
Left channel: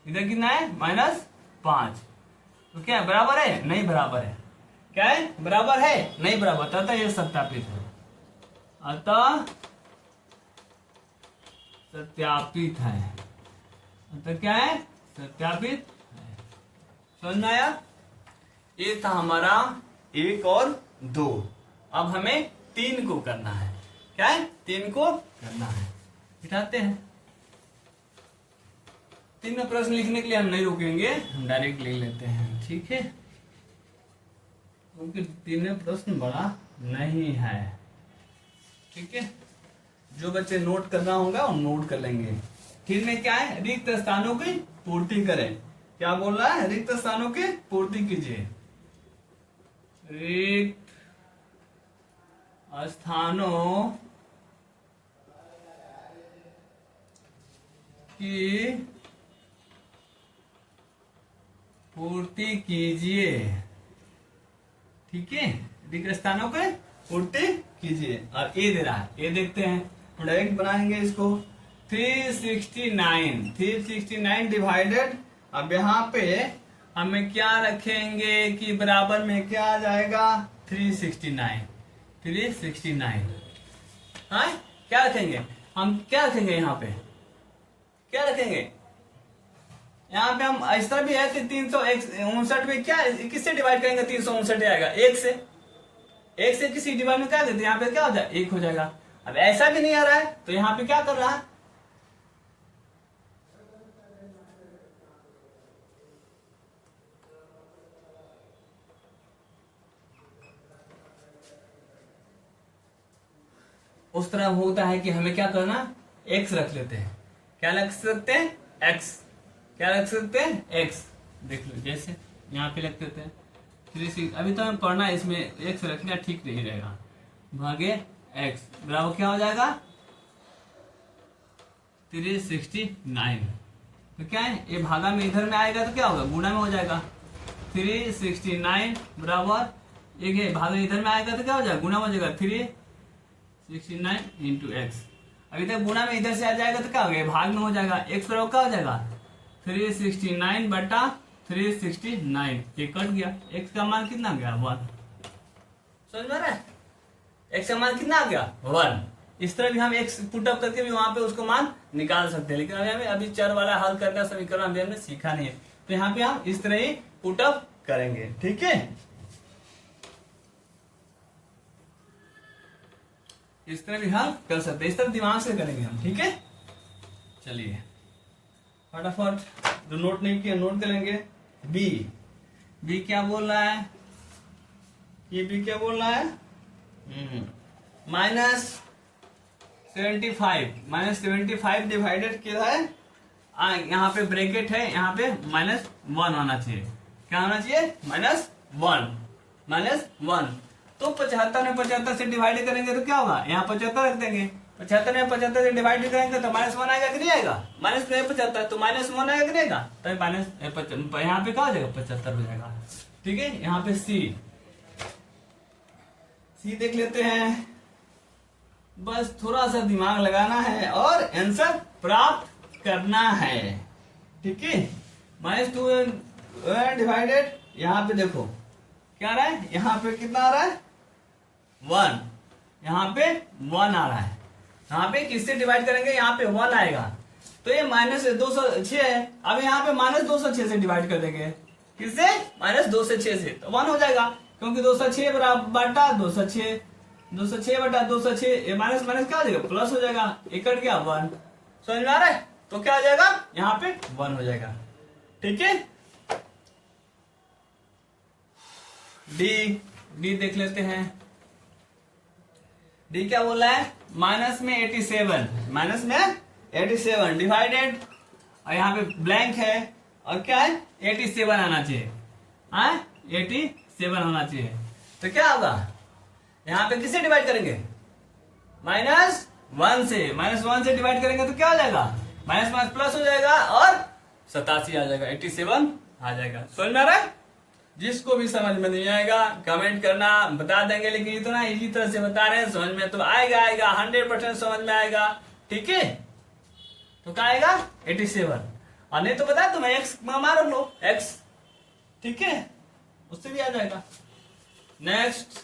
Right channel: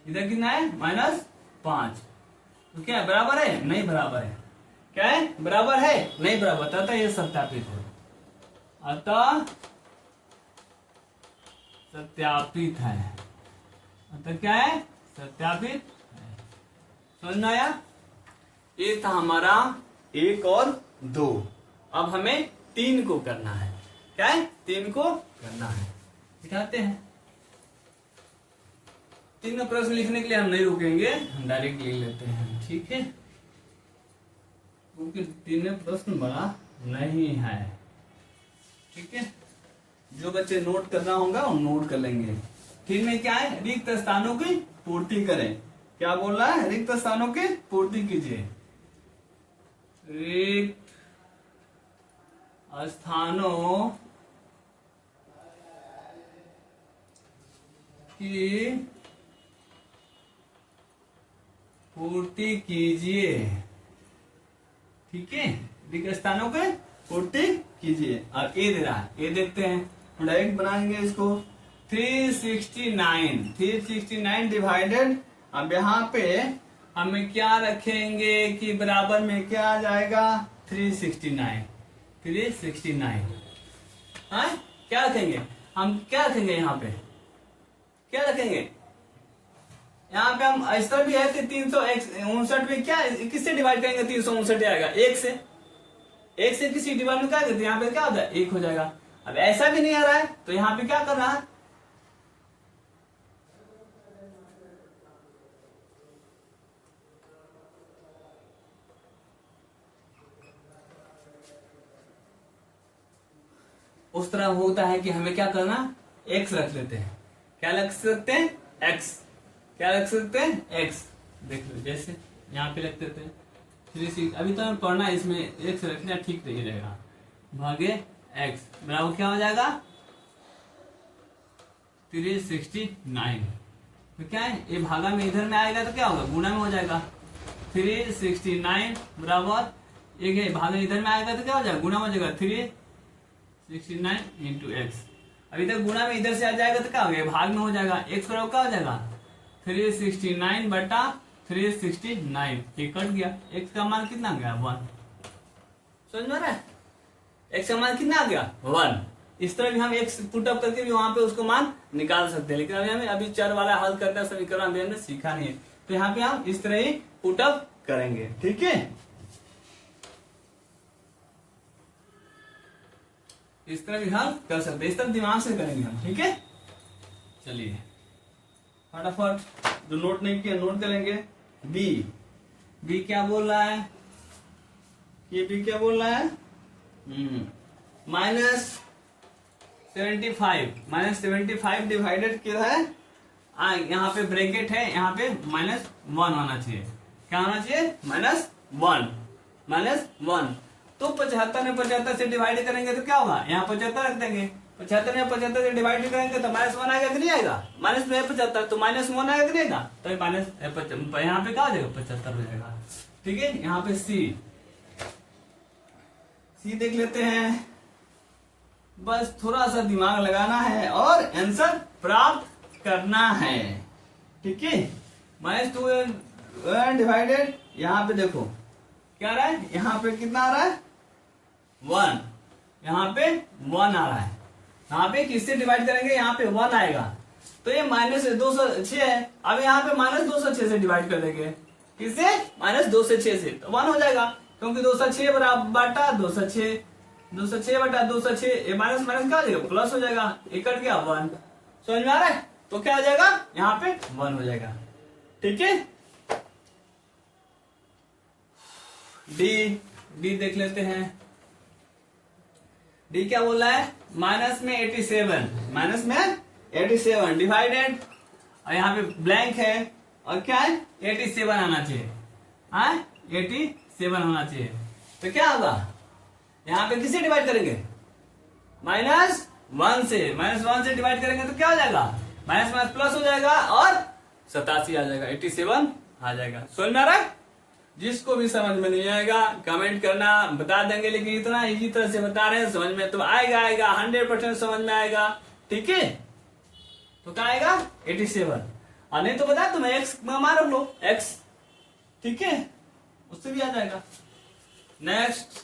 इधर कितना है, -5। तो क्या है, बराबर है, नहीं बराबर है। क्या है, बराबर है, नहीं बराबर, अतः ये सत्यापित है। अतः सत्यापित है, अतः क्या है, सत्यापित है। समझ में आया? ये था हमारा 1 और 2। अब हमें 3 को करना है। क्या है, 3 को करना है। बिठाते हैं। 3 में प्रश्न लिखने के लिए हम नहीं रुकेंगे, हम डायरेक्ट लिख लेते हैं। ठीक है, क्योंकि 3 में प्रश्न बड़ा नहीं है। ठीक है, जो बच्चे नोट करना होगा वो नोट कर लेंगे। 3 में क्या है, रिक्त स्थानों की पूर्ति करें। क्या बोल रहा है, रिक्त स्थानों की पूर्ति कीजिए। रिक्त स्थानों की पूर्ति कीजिए। ठीक है, रिक्त स्थानों के पूर्ति कीजिए। और ए दे रहा है, ए देखते हैं, हम डायरेक्ट बनाएंगे इसको। 369 डिवाइडेड, अब यहाँ पे हमें क्या रखेंगे कि बराबर में क्या आ जाएगा, 369। हाँ, क्या रखेंगे हम, क्या रखेंगे यहाँ पे, क्या रखेंगे यहाँ पे हम, इस तरह भी है 359 में क्या, किससे डिवाइड करेंगे, 359 आएगा 1 से। 1 से किसी डिवाइड में क्या करते हैं, यहाँ पे क्या हो जाए, 1 हो जाएगा। अब ऐसा भी नहीं आ रहा है, तो यहाँ पे क्या कर रहा है, उस तरह होता है कि हमें क्या करना, x रख लेते हैं। क्या रख सकते हैं, x। क्या रख सकते हैं, x। देख लो, जैसे यहाँ पे रख देते हैं 36। अभी तो हमें पढ़ना है, इसमें x रखना ठीक नहीं रहेगा। भागे x बराबर क्या हो जाएगा, 369। तो क्या है, ये भागा में इधर में आएगा तो क्या होगा, गुना में हो जाएगा। 369 बराबर, एक भागा इधर में आएगा तो क्या हो जाएगा, गुना में हो जाएगा। 369 इंटू एक्स। अभी तक गुणा में इधर से आ जाएगा तो क्या हो गया, भाग में हो जाएगा। एक्स बराबर क्या हो जाएगा, 369 बटा 369। ये कट गया, एक्स का मान कितना गया, 1। समझ में आ रहा है, एक्स का मान कितना आ गया, 1। इस तरह भी हम एक्स पुटअप करके भी वहां पे उसको मान निकाल सकते हैं, लेकिन अभी हमें अभी चर वाला हल करना समीकरण हमने सीखा नहीं है, तो यहाँ पे हम इस तरह ही पुटअप करेंगे। ठीक है, इस तरह भी हल कर सकते हैं, इस तरह दिमाग से करेंगे हम। ठीक है, चलिए फटाफट, जो नोट नहीं किया नोट करेंगे। बी क्या बोल रहा है, ये बी क्या बोल रहा है, -75 डिवाइडेड क्या है, यहाँ पे ब्रैकेट है, यहाँ पे -1 होना चाहिए। क्या होना चाहिए, -1। तो 75 में 75 से डिवाइड करेंगे तो क्या होगा, यहाँ 75 रख देंगे। 75 में 75 से डिवाइड करेंगे तो -1 आएगा कि नहीं आएगा, -75 तो -1 आएगा कि नहीं आएगा, तो यहाँ पे क्या हो जाएगा, 75 हो जाएगा। ठीक है, यहाँ पे सी देख लेते हैं। बस थोड़ा सा दिमाग लगाना है और आंसर प्राप्त करना है। ठीक है, -2 डिवाइडेड, यहाँ पे देखो क्या आ रहा है, यहाँ पे कितना आ रहा है, 1। यहाँ पे 1 आ रहा है, यहाँ पे किससे डिवाइड करेंगे, यहाँ पे 1 आएगा, तो ये -206 है। अब यहाँ पे -206 से डिवाइड कर देंगे, किससे, -206 से, तो 1 हो जाएगा, क्योंकि 206 बटा 206 बटा 206, ये माइनस माइनस क्या हो जाएगा, प्लस हो जाएगा, ये कट गया 1। समझ में आ रहा है, तो क्या हो जाएगा, यहाँ पे 1 हो जाएगा। ठीक है, डी देख लेते हैं। डी क्या बोल रहा है, माइनस में 87 डिवाइडेड, और यहाँ पे ब्लैंक है, और क्या है, 87 आना चाहिए, 87 आना चाहिए। तो क्या होगा, यहाँ पे किससे डिवाइड करेंगे, -1 से डिवाइड करेंगे तो क्या हो जाएगा, माइनस माइनस प्लस हो जाएगा और 87 आ जाएगा, 87 आ जाएगा। समझ में आ रहा है? जिसको भी समझ में नहीं आएगा कमेंट करना, बता देंगे, लेकिन इतना इजी तरह से बता रहे हैं, समझ में तो आएगा 100% समझ में आएगा। ठीक है, तो क्या आएगा 87, और नहीं तो बता तो मैं एक्स मार लो एक्स, ठीक है, उससे भी आ जाएगा। नेक्स्ट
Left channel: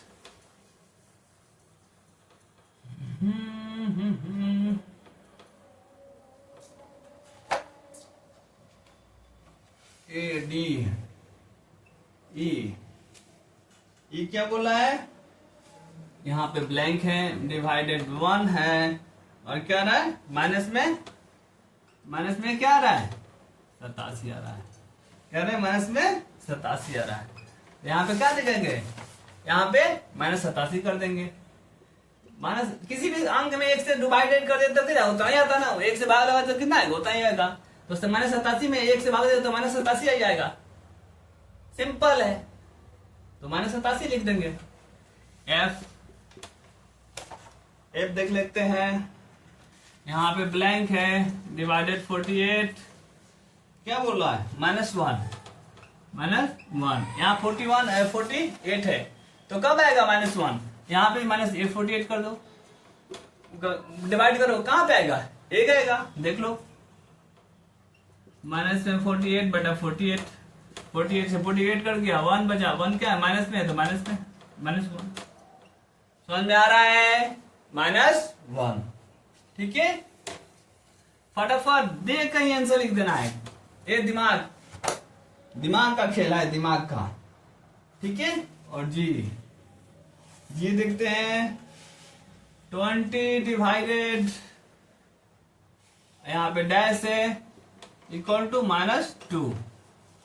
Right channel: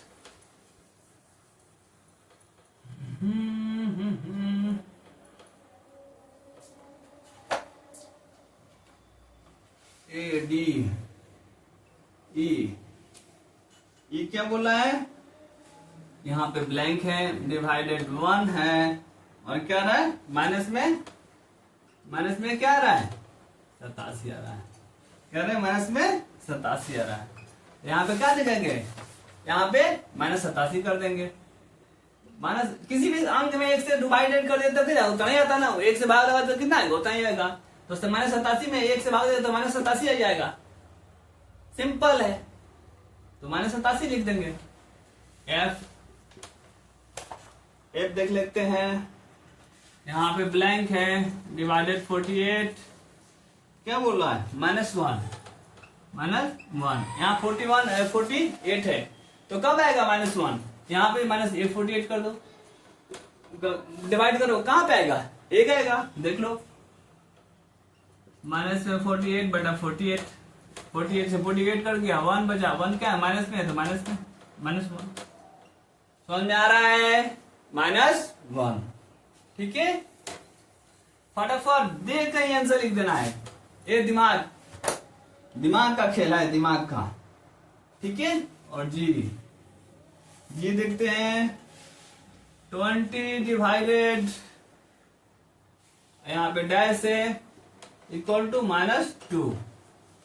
ए डी ई क्या बोला है, यहाँ पे ब्लैंक है, डिवाइडेड 1 है, और क्या रहा है माइनस में क्या आ रहा है 87 आ रहा है, कह रहे हैं माइनस में 87 आ रहा है। यहाँ पे क्या लिखेंगे, यहाँ पे -87 कर देंगे। माइनस किसी भी अंक में 1 से डिवाइडेड कर देते तो उतना ही आता ना, 1 से भाग लगा तो कितना आएगा उतना ही आएगा, तो उससे -87 में 1 से भाग देते तो -87 आ जाएगा, सिंपल है। तो -87 लिख देंगे। एफ देख लेते हैं, यहाँ पे ब्लैंक है, डिवाइडेड 48, क्या बोल रहा है -1, यहाँ 48 है, तो कब आएगा -1, यहाँ पे -48 कर दो, डिवाइड करो, कहाँ पे आएगा 1 आएगा, देख लो, -48 बटा 48, 48 से 48 कर दिया, 1 बचा, 1 क्या है माइनस में है तो माइनस में -1, समझ में आ रहा है, -1। ठीक है, फटाफट देख कहीं आंसर लिख देना है, ये दिमाग का खेल है, दिमाग का। ठीक है, और जी देखते हैं 20 डिवाइडेड, यहाँ पे डैश है, इक्वल टू -2,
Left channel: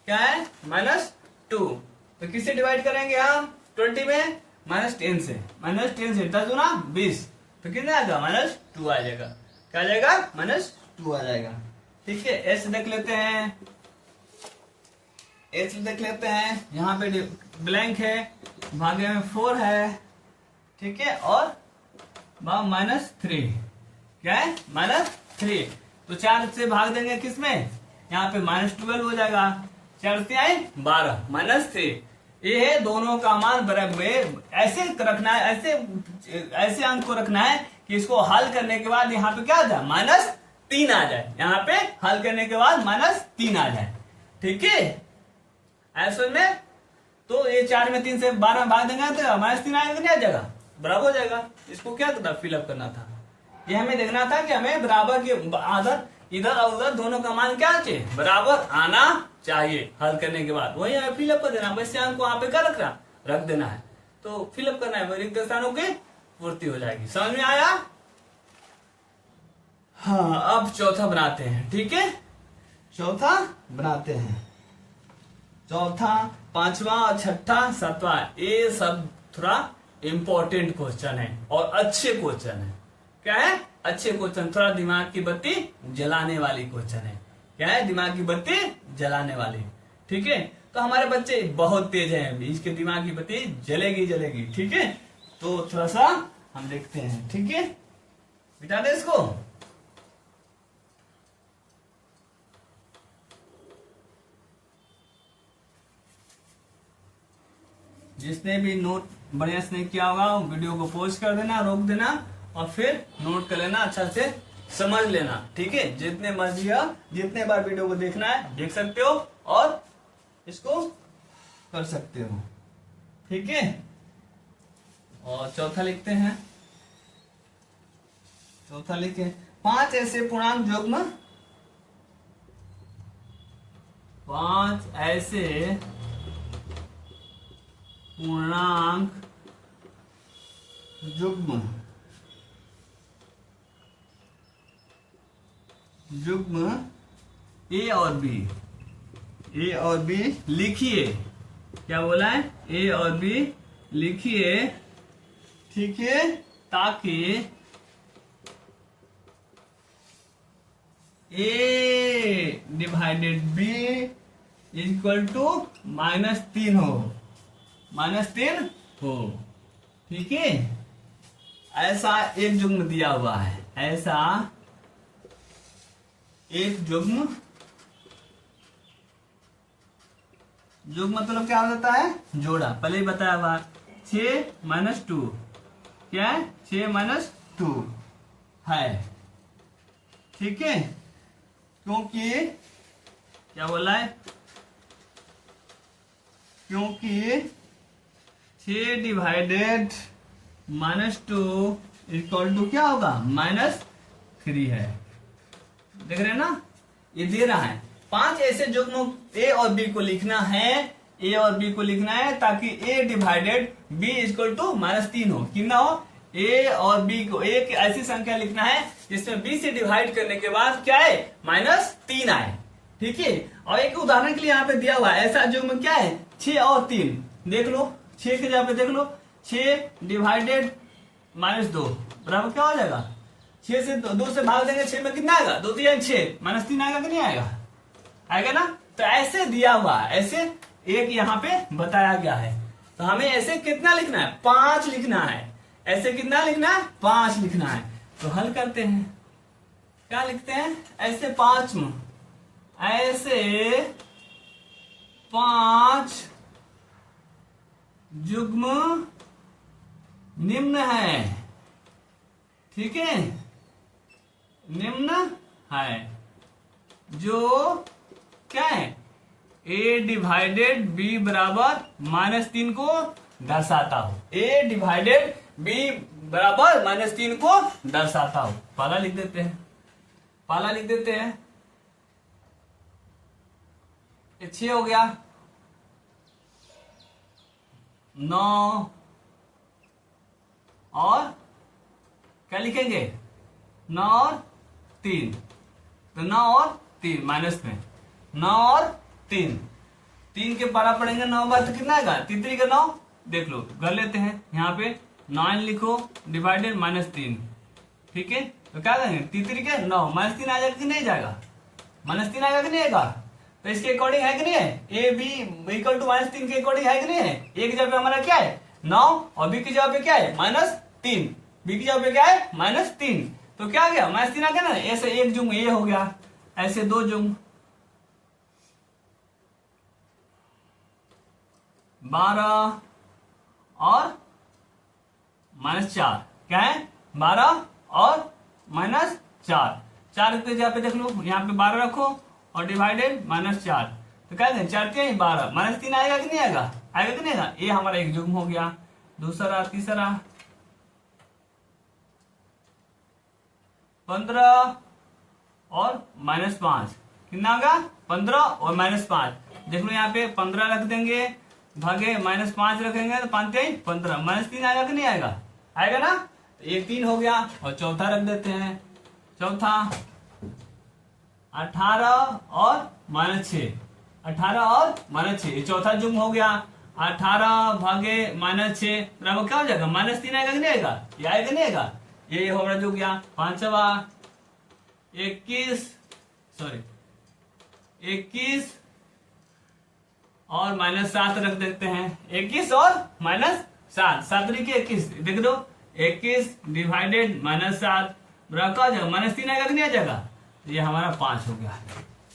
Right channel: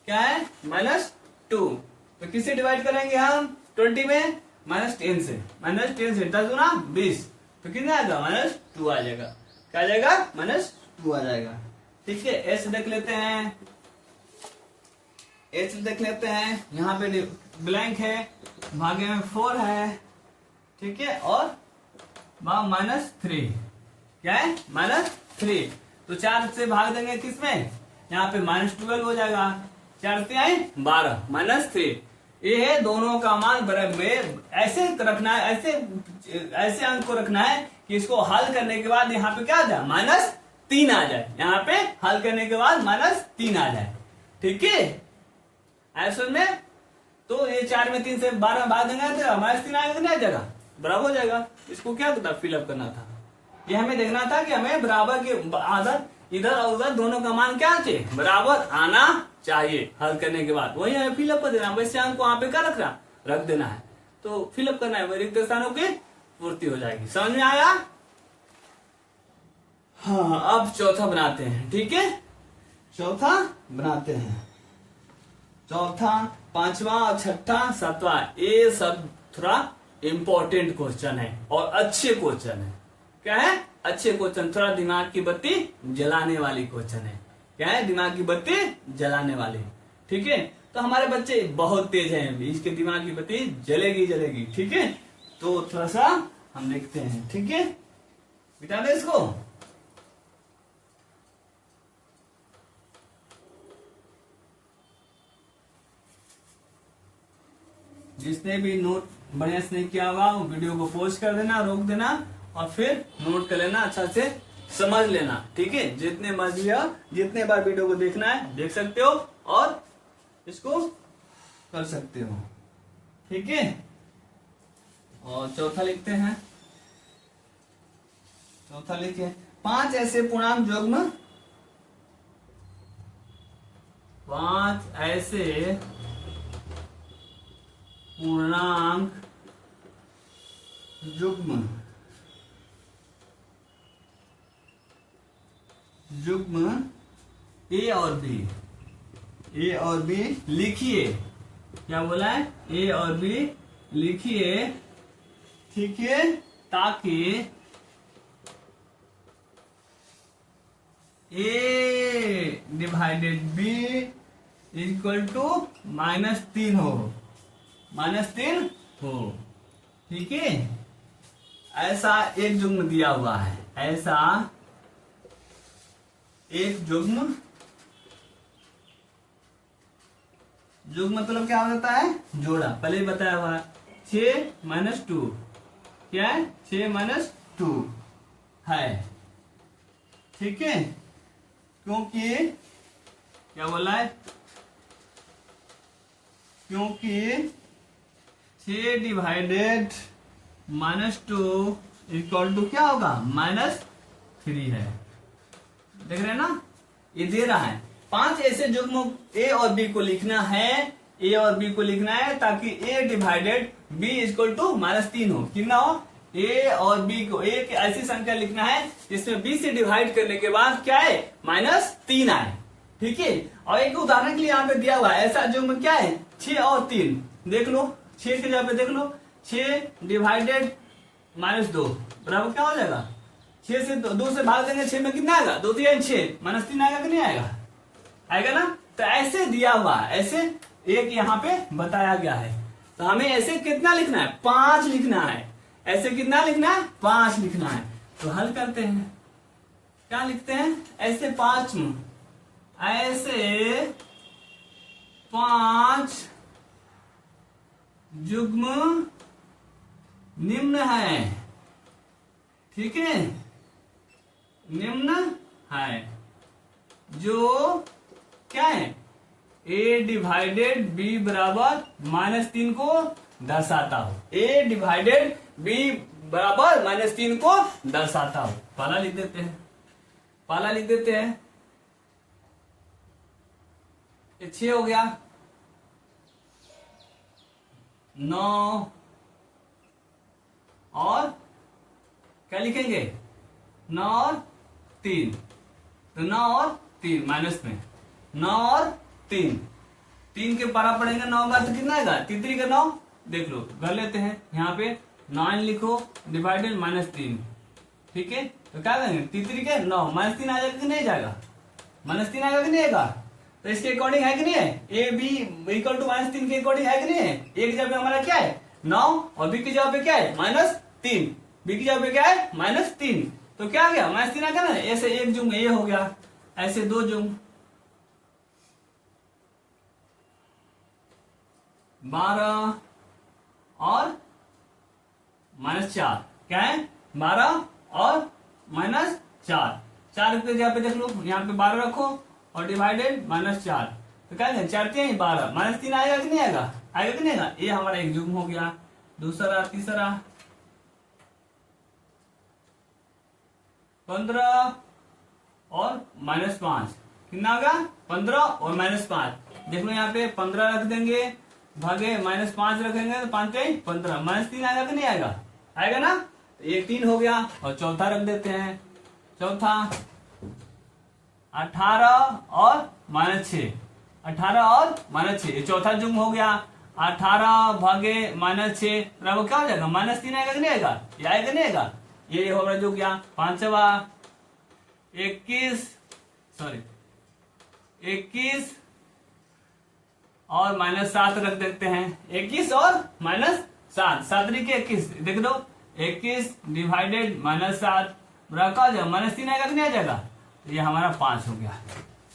क्या है -2, तो किससे डिवाइड करेंगे हम 20 में, -10 से, 10 गुना 20, तो कितना आएगा -2 आ जाएगा, क्या आ जाएगा -2 आ जाएगा। ठीक है, एच देख लेते हैं, यहाँ पे ब्लैंक है, भागे में 4 है, ठीक है, और -3, क्या है -3, तो 4 से भाग देंगे किसमें, यहाँ पे -12 हो जाएगा, 4 से आए 12, -3, ये है दोनों का मान बराबर, ऐसे रखना है, ऐसे अंक को रखना है कि इसको हल करने के बाद यहाँ पे क्या आ जाए -3 आ जाए, यहाँ पे हल करने के बाद -3 आ जाए। ठीक है, ऐसे में तो ये 4 में 3 से 12 में भाग देंगे तो -3 आएगा, नहीं आ जाएगा, बराबर हो जाएगा। इसको क्या था फिलअप करना था, ये हमें देखना था कि हमें बराबर के आदर इधर और उधर दोनों का मान क्या चाहिए, बराबर आना चाहिए हल करने के बाद, वही हमें फिलअप कर देना, वैसे अंक को वहां पे क्या रख देना है, तो फिलअप करना है, रिक्त स्थानों की पूर्ति हो जाएगी। समझ में आया? हाँ, अब चौथा बनाते हैं। ठीक है, चौथा बनाते हैं, चौथा, पांचवा और छठा सातवां, ये सब थोड़ा इंपॉर्टेंट क्वेश्चन है और अच्छे क्वेश्चन है। क्या है? अच्छे क्वेश्चन, थोड़ा दिमाग की बत्ती जलाने वाली क्वेश्चन है। क्या है? दिमाग की बत्ती जलाने वाली। ठीक है, तो हमारे बच्चे बहुत तेज हैं, इसके दिमाग की बत्ती जलेगी। ठीक है, तो थोड़ा सा हम देखते हैं। ठीक है, बिता दे इसको। जिसने भी नोट बढ़िया से नहीं किया होगा वीडियो को पॉज कर देना, रोक देना और फिर नोट कर लेना, अच्छा से समझ लेना। ठीक है, जितने मर्जी हो, जितने बार वीडियो को देखना है देख सकते हो और इसको कर सकते हो। ठीक है, और चौथा लिखते हैं। चौथा लिखे 5 ऐसे पूर्णांक युग्म, 5 ऐसे पूर्णांक युग्म ए और बी लिखिए। क्या बोला है? ए और बी लिखिए। ठीक है, ताकि ए डिवाइडेड बी इक्वल टू -3 हो, -3 हो। ठीक है, ऐसा एक युग्म दिया हुआ है, ऐसा एक जुग्म, जुग्म मतलब क्या होता है, जोड़ा, पहले ही बताया हुआ 6 - 2 क्या है, 6 - 2 है, ठीक है, क्योंकि क्या बोला है, क्योंकि 6 डिवाइडेड -2 इक्वल टू क्या होगा, -3 है। देख रहे हैं ना, ये दे रहा है 5 ऐसे जुग्म ए और बी को लिखना है, ए और बी को लिखना है ताकि ए डिवाइडेड बी इक्वल टू -3 हो, कितना हो, ए और बी को, एक ऐसी संख्या लिखना है जिसमें बी से डिवाइड करने के बाद क्या है, -3 आए, ठीक है। और एक उदाहरण के लिए यहाँ पे दिया हुआ है, ऐसा जुग्म क्या है, 6 और 3, देख लो 6 के जगह पे देख लो, 6 डिवाइडेड -2 बराबर क्या हो जाएगा, 6 से 2 से भाग देंगे, 6 में कितना आएगा, 2 3 6 -3 आएगा कि नहीं आएगा, आएगा ना। तो ऐसे दिया हुआ है, ऐसे एक यहाँ पे बताया गया है, तो हमें ऐसे कितना लिखना है, 5 लिखना है, ऐसे कितना लिखना है, 5 लिखना है। तो हल करते हैं, क्या लिखते हैं, ऐसे 5 ऐसे 5 जुग्म निम्न है, ठीक है, निम्न है, जो क्या है, ए डिवाइडेड बी बराबर -3 को दर्शाता हो, ए डिवाइडेड बी बराबर -3 को दर्शाता हो। पहला लिख देते हैं, पहला लिख देते हैं, 6 हो गया, 9 और क्या लिखेंगे, 9 और 3, तो 9 और 3 माइनस में 9 और 3, 3 के पारा पड़ेंगे 9 बार तो कितना आएगा, 3 का 9, देख लो कर लेते हैं, यहाँ पे 9 लिखो डिवाइडेड -3, ठीक है, तो क्या करेंगे, 3 के 9 -3 आ जाएगा कि नहीं जाएगा, -3 आएगा कि नहीं आएगा, तो इसके अकॉर्डिंग है कि नहीं है, ए बी इक्वल टू -3 के अकॉर्डिंग है कि नहीं है, ए की जगह पे हमारा क्या है 9 और बी की जगह पे क्या है -3, बी की जगह पे क्या है -3, तो क्या आ गया -3 आ गया ना, ऐसे एक जुम्म ए हो गया, ऐसे 2 जुम्म 12 और -4, क्या है 12 और -4, 4 की जगह पे देख लो, यहाँ पे 12 रखो और डिवाइडेड -4, तो क्या है 4 3 12, -3 आएगा कि नहीं आएगा, आएगा कि नहीं आएगा, ये हमारा एक जुग्म हो गया। दूसरा, तीसरा 15 और -5, कितना आ गया 15 और -5, देख लो यहाँ पे 15 रख देंगे, भागे -5 रखेंगे तो 5 15, -3 आएगा कि नहीं आएगा, आएगा ना, तो ये 3 हो गया। और चौथा रख देते हैं, चौथा 18 और -6, 18 और -6, ये चौथा जुम्म हो गया, 18 भागे -6 बराबर क्या हो जाएगा, -3 आएगा कि नहीं आएगा, ये आएगा कि नहीं आएगा, ये हमारा जो गया। पांचवा 21 और -7 रख देते हैं, 21 और -7, 7 के 21, देख दो 21 डिवाइडेड -7 बराबर क्या हो जाएगा, -3 आएगा कि नहीं आ जाएगा, तो ये हमारा 5 हो गया,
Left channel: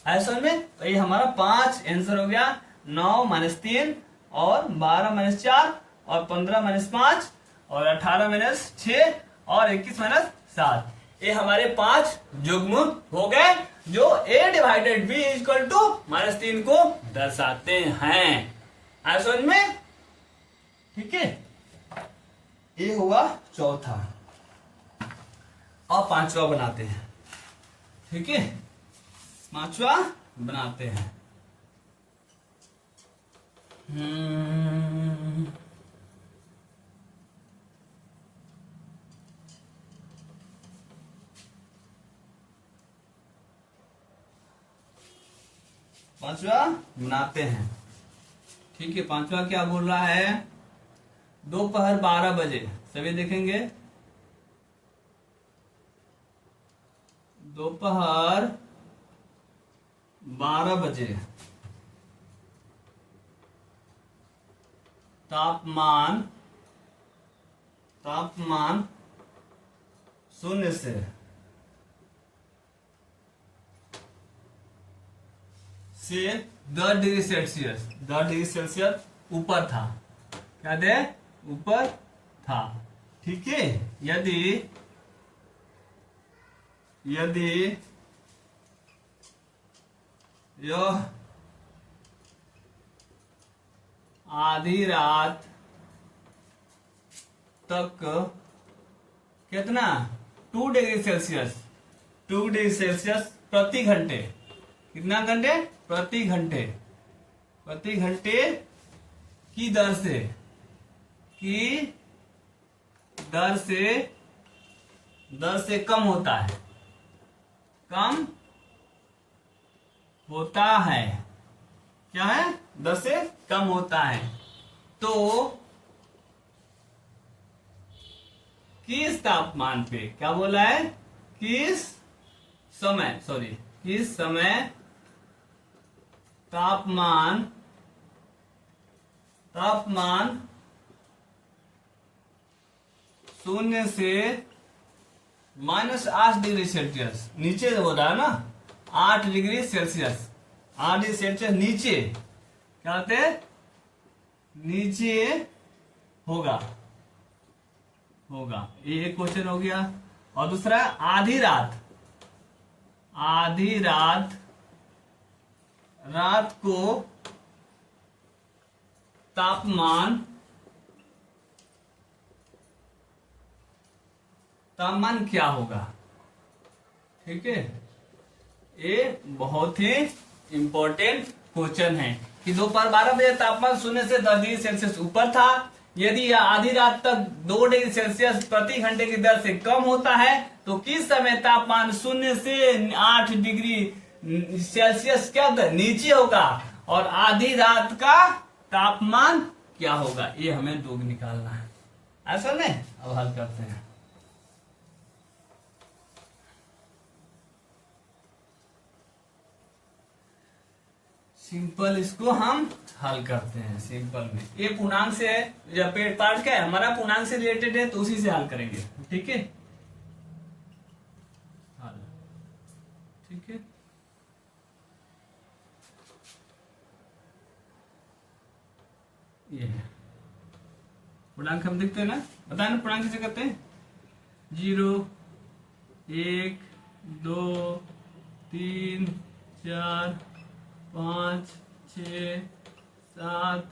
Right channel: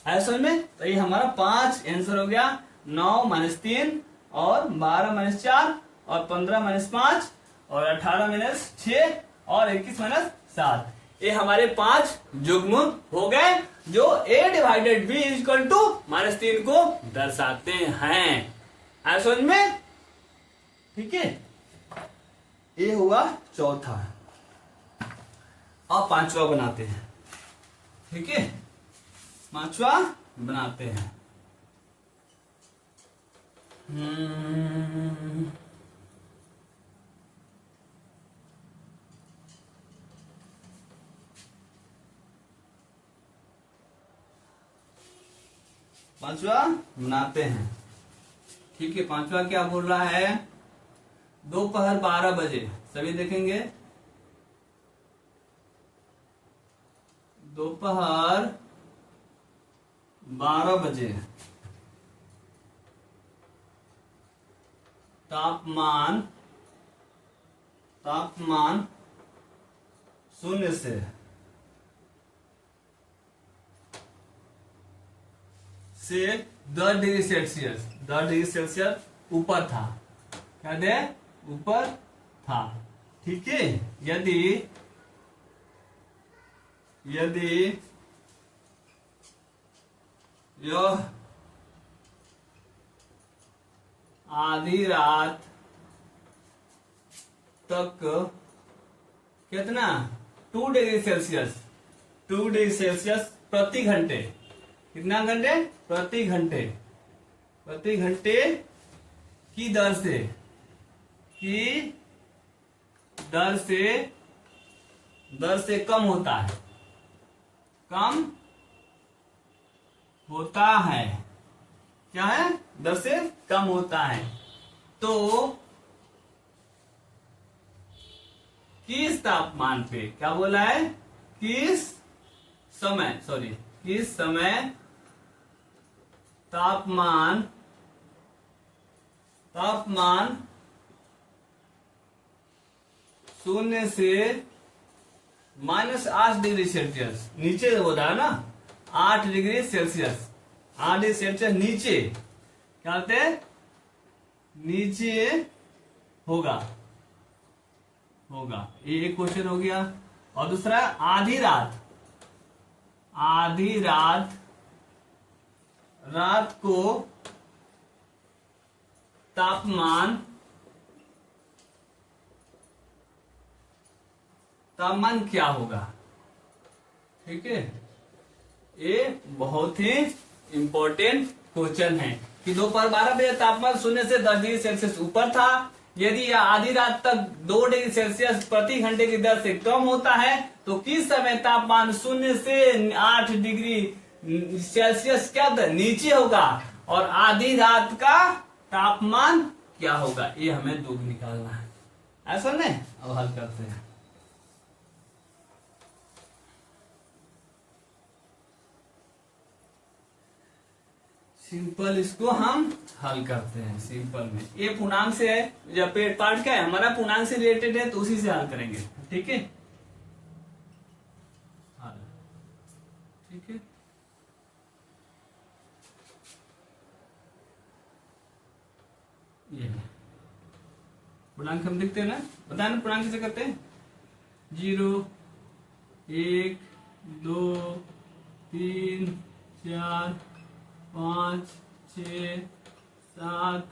ऐसा में, तो ये हमारा 5 आंसर हो गया। 9 -3 और 12 -4 और 15 -5 और 18 -6 और 21 -7, ये हमारे 5 जुग्म हो गए जो a divided b equal to -3 को दर्शाते हैं, आया समझ में, ठीक है। ये हुआ चौथा। अब पांचवा बनाते हैं, ठीक है, पांचवा बनाते हैं। पांचवा बनाते हैं, ठीक है। पांचवा क्या बोल रहा है, दोपहर 12 बजे, सभी देखेंगे, दोपहर 12 बजे तापमान 0 से से 10 डिग्री सेल्सियस, 10 डिग्री सेल्सियस ऊपर था। क्या थे? ऊपर था। ठीक है। यदि यह आधी रात तक कितना 2 डिग्री सेल्सियस, 2 डिग्री सेल्सियस प्रति घंटे, कितना घंटे? प्रति घंटे, प्रति घंटे की दर से, दर से कम होता है, कम होता है। क्या है? दर से कम होता है। तो किस तापमान पे, क्या बोला है? किस समय तापमान 0 से -8 डिग्री सेल्सियस नीचे हो रहा है ना, 8 डिग्री सेल्सियस, 8 डिग्री सेल्सियस नीचे, क्या होते हैं? नीचे होगा। ये एक क्वेश्चन हो गया। और दूसरा आधी रात को तापमान क्या होगा? ठीक है। ये बहुत ही इंपॉर्टेंट क्वेश्चन है कि दोपहर 12 बजे तापमान 0 से 10 डिग्री सेल्सियस ऊपर था। यदि यह आधी रात तक 2 डिग्री सेल्सियस प्रति घंटे की दर से कम होता है तो किस समय तापमान 0 से 8 डिग्री सेल्सियस क्या होता है? नीचे होगा। और आधी रात का तापमान क्या होगा? ये हमें दो निकालना है। ऐसा नहीं? अब हल करते हैं। सिंपल इसको हम हल करते हैं। सिंपल में ये पूर्णांक से है, जब पेट पार्ट का है हमारा पूर्णांक से रिलेटेड है तो उसी से हल करेंगे। ठीक है। हल ठीक है। ये पूर्णांक हम देखते हैं ना, बताए ना पूर्णांक से करते हैं। 0 1 2 3 4 5 6 7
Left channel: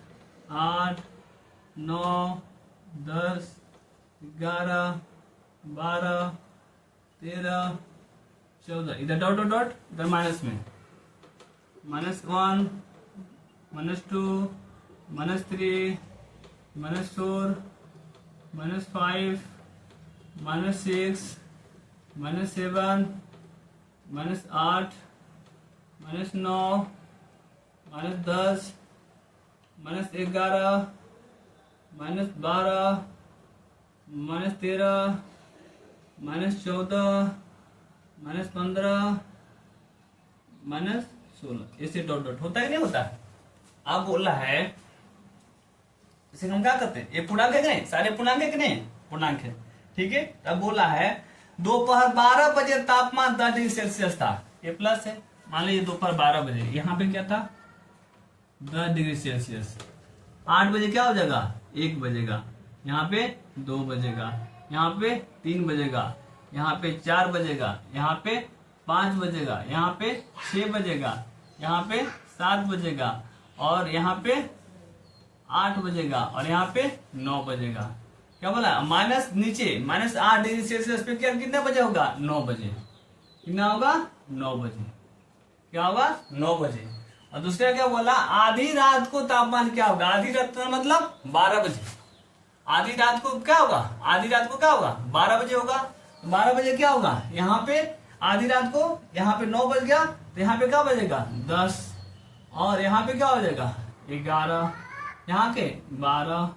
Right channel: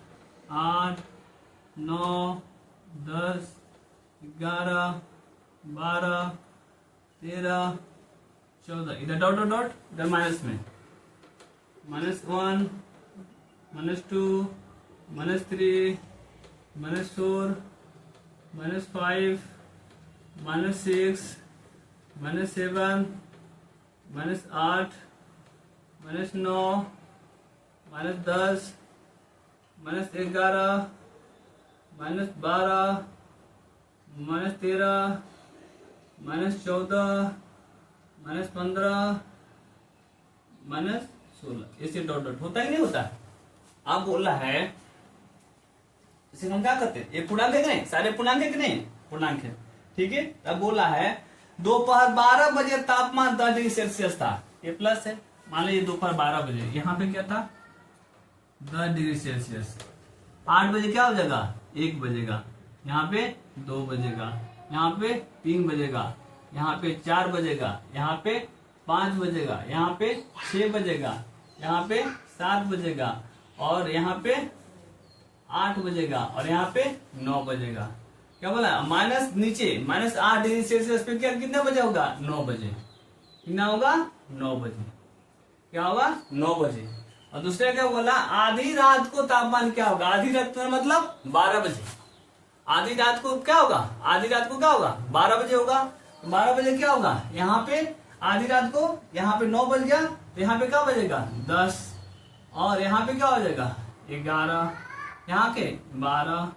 8 9 10 11 12 13 14, इधर डॉट डॉट डॉट, इधर माइनस में -1 -2 -3 -4 -5 -6 -7 -8 -9 -10 -11 -12 -13 -14 -15 -16, ऐसे डॉट डॉट होता है नहीं होता? आप बोला है इसे हम क्या करते हैं? ये पूर्णांक है कि नहीं? सारे पूर्णांक है कि नहीं? पूर्णांक है। ठीक है। अब बोला है दोपहर 12 बजे तापमान 10 डिग्री सेल्सियस था, ये प्लस है। मान लीजिए दोपहर 12 बजे यहाँ पे क्या था? 10 डिग्री सेल्सियस। 8 बजे क्या हो जाएगा? 1 बजेगा, यहाँ पे 2 बजेगा, यहाँ पे 3 बजेगा, यहाँ पे 4 बजेगा, यहाँ पे 5 बजेगा, यहाँ पे 6 बजेगा, यहाँ पे 7 बजेगा, और यहाँ पे 8 बजेगा, और यहाँ पे 9 बजेगा। क्या बोला? माइनस नीचे -8 डिग्री सेल्सियस पे क्या कितना बजे होगा? 9 बजे। कितना होगा? 9 बजे। क्या होगा? 9 बजे। और दूसरा क्या बोला? आधी रात को तापमान क्या होगा? आधी रात का मतलब 12 बजे। आधी रात को क्या होगा? आधी रात को क्या होगा? 12 बजे होगा। 12 बजे क्या होगा? यहाँ पे आधी रात को यहाँ पे 9 बज गया तो यहाँ पे क्या बजेगा? 10, और यहाँ पे क्या हो जाएगा? 11, यहाँ के 12।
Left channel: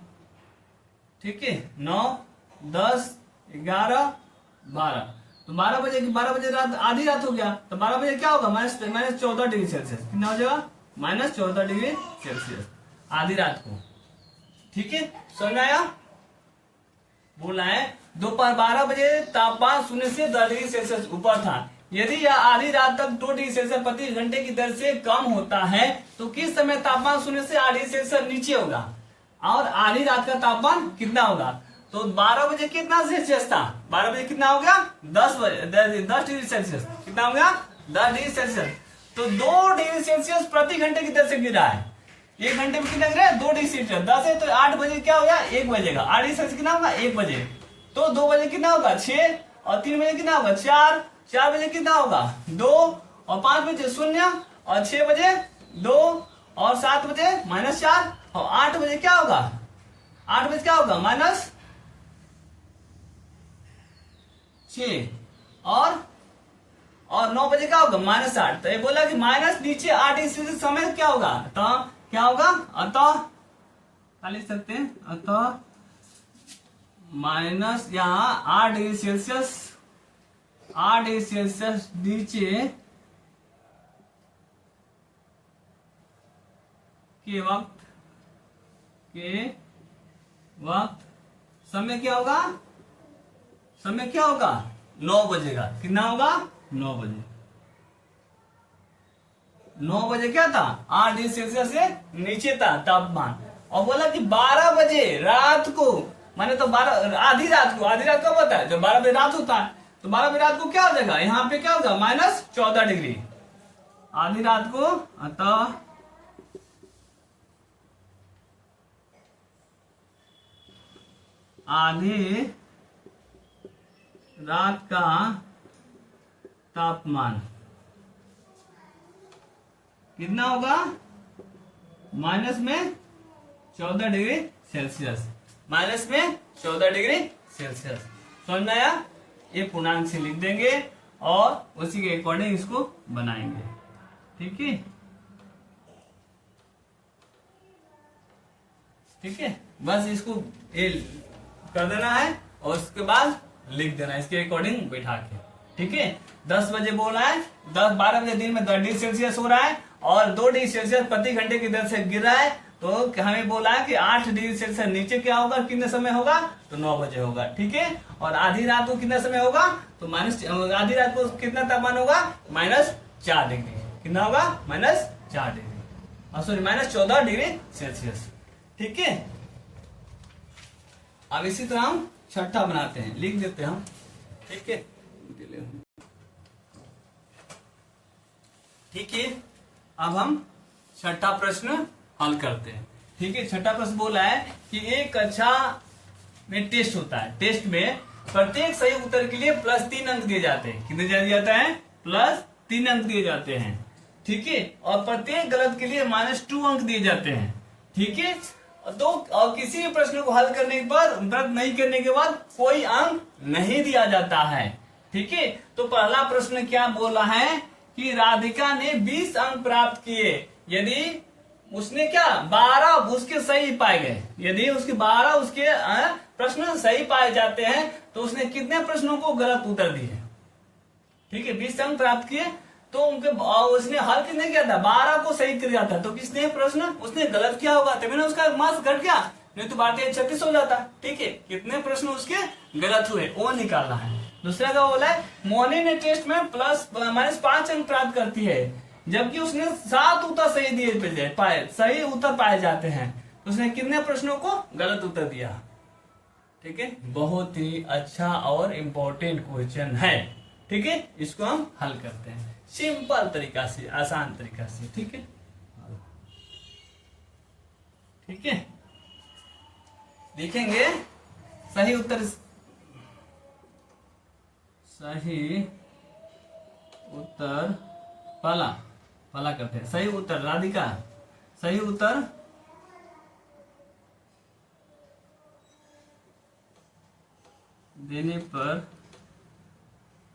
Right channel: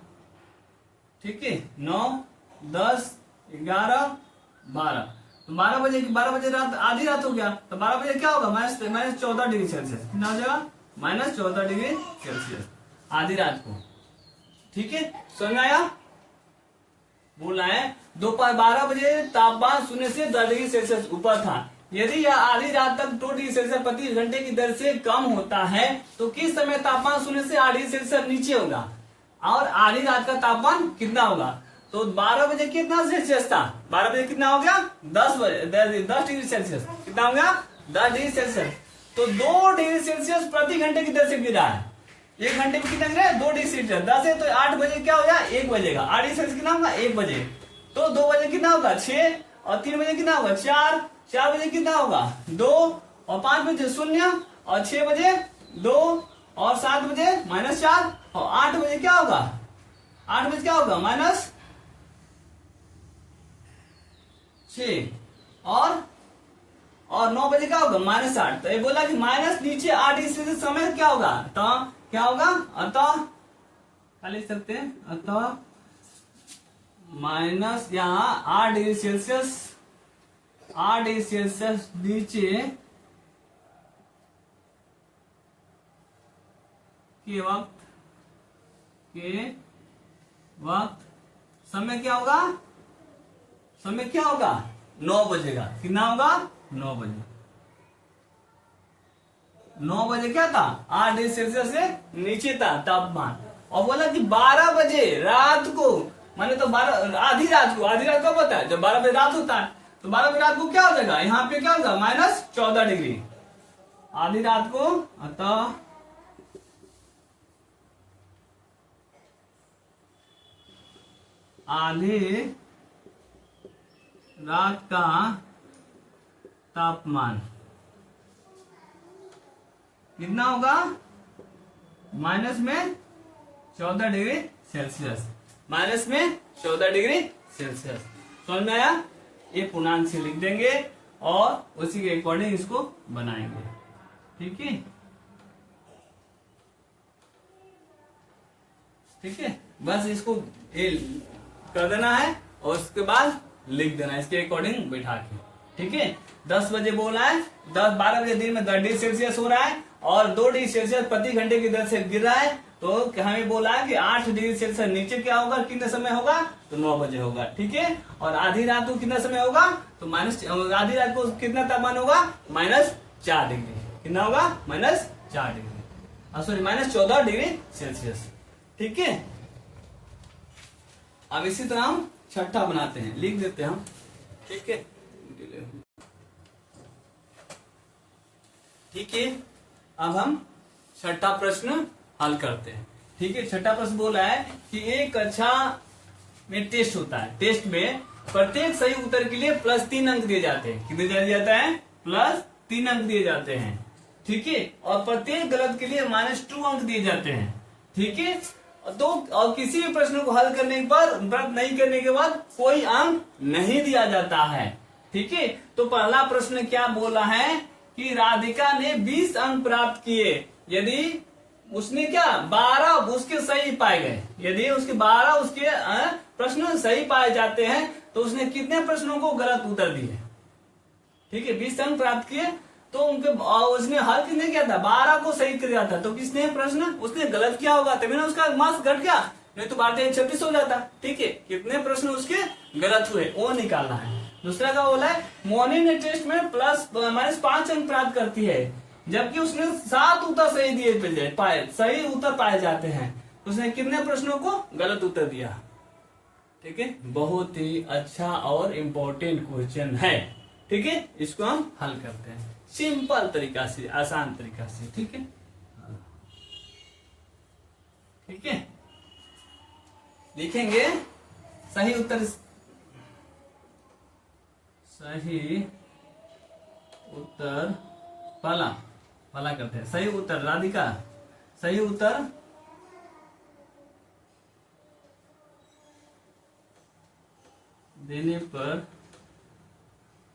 ठीक है। 9 10 11 12, तो 12 बजे की 12 बजे रात आधी रात हो गया तो 12 बजे क्या होगा? -14 डिग्री सेल्सियस। कितना हो जाएगा? -14 डिग्री सेल्सियस आधी रात को। ठीक है। समझ आया? बोला है दोपहर 12 बजे तापमान 0 से 10 डिग्री सेल्सियस ऊपर था। यदि यह आधी रात तक 2 डिग्री सेल्सियस प्रति घंटे की दर से कम होता है तो किस समय तापमान शून्य से 8 डिग्री सेल्सियस नीचे होगा, और आधी रात का तापमान कितना होगा। तो 12 बजे कितना सेल्सियस था, 12 बजे कितना हो गया 10 डिग्री सेल्सियस, कितना हो गया 10 डिग्री सेल्सियस। तो 2 डिग्री सेल्सियस प्रति घंटे की दर से गिरा है। 1 घंटे में कितना गिरा है 2 डिग्री सेल्सियस, 10 है तो 8 बजे क्या होगा 1 बजेगा, 8 डिग्री सेल्सियस कितना होगा 1 बजे। तो 2 बजे कितना होगा 6, और 3 बजे कितना होगा 4, 4 बजे कितना होगा 2, और 5 बजे 0, और 6 बजे 2, और 7 बजे -4, और 8 बजे क्या होगा 8 बजे क्या होगा -6, और 9 बजे क्या होगा -8। तो ये बोला कि माइनस नीचे 8 डिग्री सेल्सियस समय क्या होगा, तो क्या होगा अतः क्या लिख सकते हैं, अतः माइनस यहाँ 8 डिग्री सेल्सियस, 8 डिग्री सेल्सियस नीचे के वक्त समय क्या होगा, समय क्या होगा 9 बजेगा, कितना होगा 9 बजे। 9 बजे क्या था 8 डिग्री सेल्सियस से नीचे था तापमान, और बोला कि 12 बजे रात को, माने तो 12 आधी रात को, आधी रात कब होता है जब 12 बजे रात होता है, तो 12 बजे रात को क्या हो जाएगा यहाँ पे क्या होगा -14 डिग्री आधी रात को। अतः आधी रात का तापमान कितना होगा -14 डिग्री सेल्सियस, -14 डिग्री सेल्सियस। समझ में आया, ये पूर्णांक से लिख देंगे और उसी के अकॉर्डिंग इसको बनाएंगे, ठीक है ठीक है। बस इसको ये कर देना है और उसके बाद लिख देना है इसके अकॉर्डिंग बैठा के, ठीक है। 10 बजे बोला है, 12 बजे दिन में 10 डिग्री सेल्सियस हो रहा है और 2 डिग्री सेल्सियस प्रति घंटे की दर से गिर रहा है, तो हमें बोला है कि 8 डिग्री सेल्सियस नीचे क्या होगा, कितने समय होगा, तो 9 बजे होगा, ठीक है। और आधी रात को कितना समय होगा, तो आधी रात को कितना तापमान होगा -4 डिग्री, कितना होगा -4 डिग्री, सॉरी -14 डिग्री सेल्सियस, ठीक है। अब इसी तरह हम छठा बनाते हैं, लिख देते हैं हम, ठीक है ठीक है। अब हम छठा प्रश्न हल करते हैं, ठीक है। छठा प्रश्न बोला है कि एक कक्षा में टेस्ट होता है, टेस्ट में प्रत्येक सही उत्तर के लिए +3 अंक दिए जाते हैं, कितने दिया जाता है +3 अंक दिए जाते हैं, ठीक है। और प्रत्येक गलत के लिए -2 अंक दिए जाते हैं, ठीक है। तो और किसी भी प्रश्न को हल करने के बाद व्रत नहीं करने के बाद कोई अंक नहीं दिया जाता है, ठीक है। तो पहला प्रश्न क्या बोला है कि राधिका ने 20 अंक प्राप्त किए यदि उसने क्या 12 उसके सही पाए गए, यदि उसके 12 उसके प्रश्न सही पाए जाते हैं तो उसने कितने प्रश्नों को गलत उत्तर दिए, ठीक है। 20 अंक प्राप्त किए तो उनके उसने हल कितने किया था 12 को सही किया था, तो किसने प्रश्न उसने गलत किया होगा तभी ना उसका मार्क्स घट गया, नहीं तो 12-26 हो जाता, ठीक है। कितने प्रश्न उसके गलत हुए वो निकालना है। दूसरा क्या बोला है, मोनी ने टेस्ट में -5 अंक प्राप्त करती है जबकि उसने 7 उत्तर सही दिए पाए, सही उत्तर पाए जाते हैं, उसने कितने प्रश्नों को गलत उत्तर दिया, ठीक है। बहुत ही अच्छा और इम्पोर्टेंट क्वेश्चन है, ठीक है। इसको हम हल करते हैं सिंपल तरीका से, आसान तरीका से, ठीक है ठीक है। लिखेंगे सही उत्तर, पहला करते हैं सही उत्तर। राधिका सही उत्तर देने पर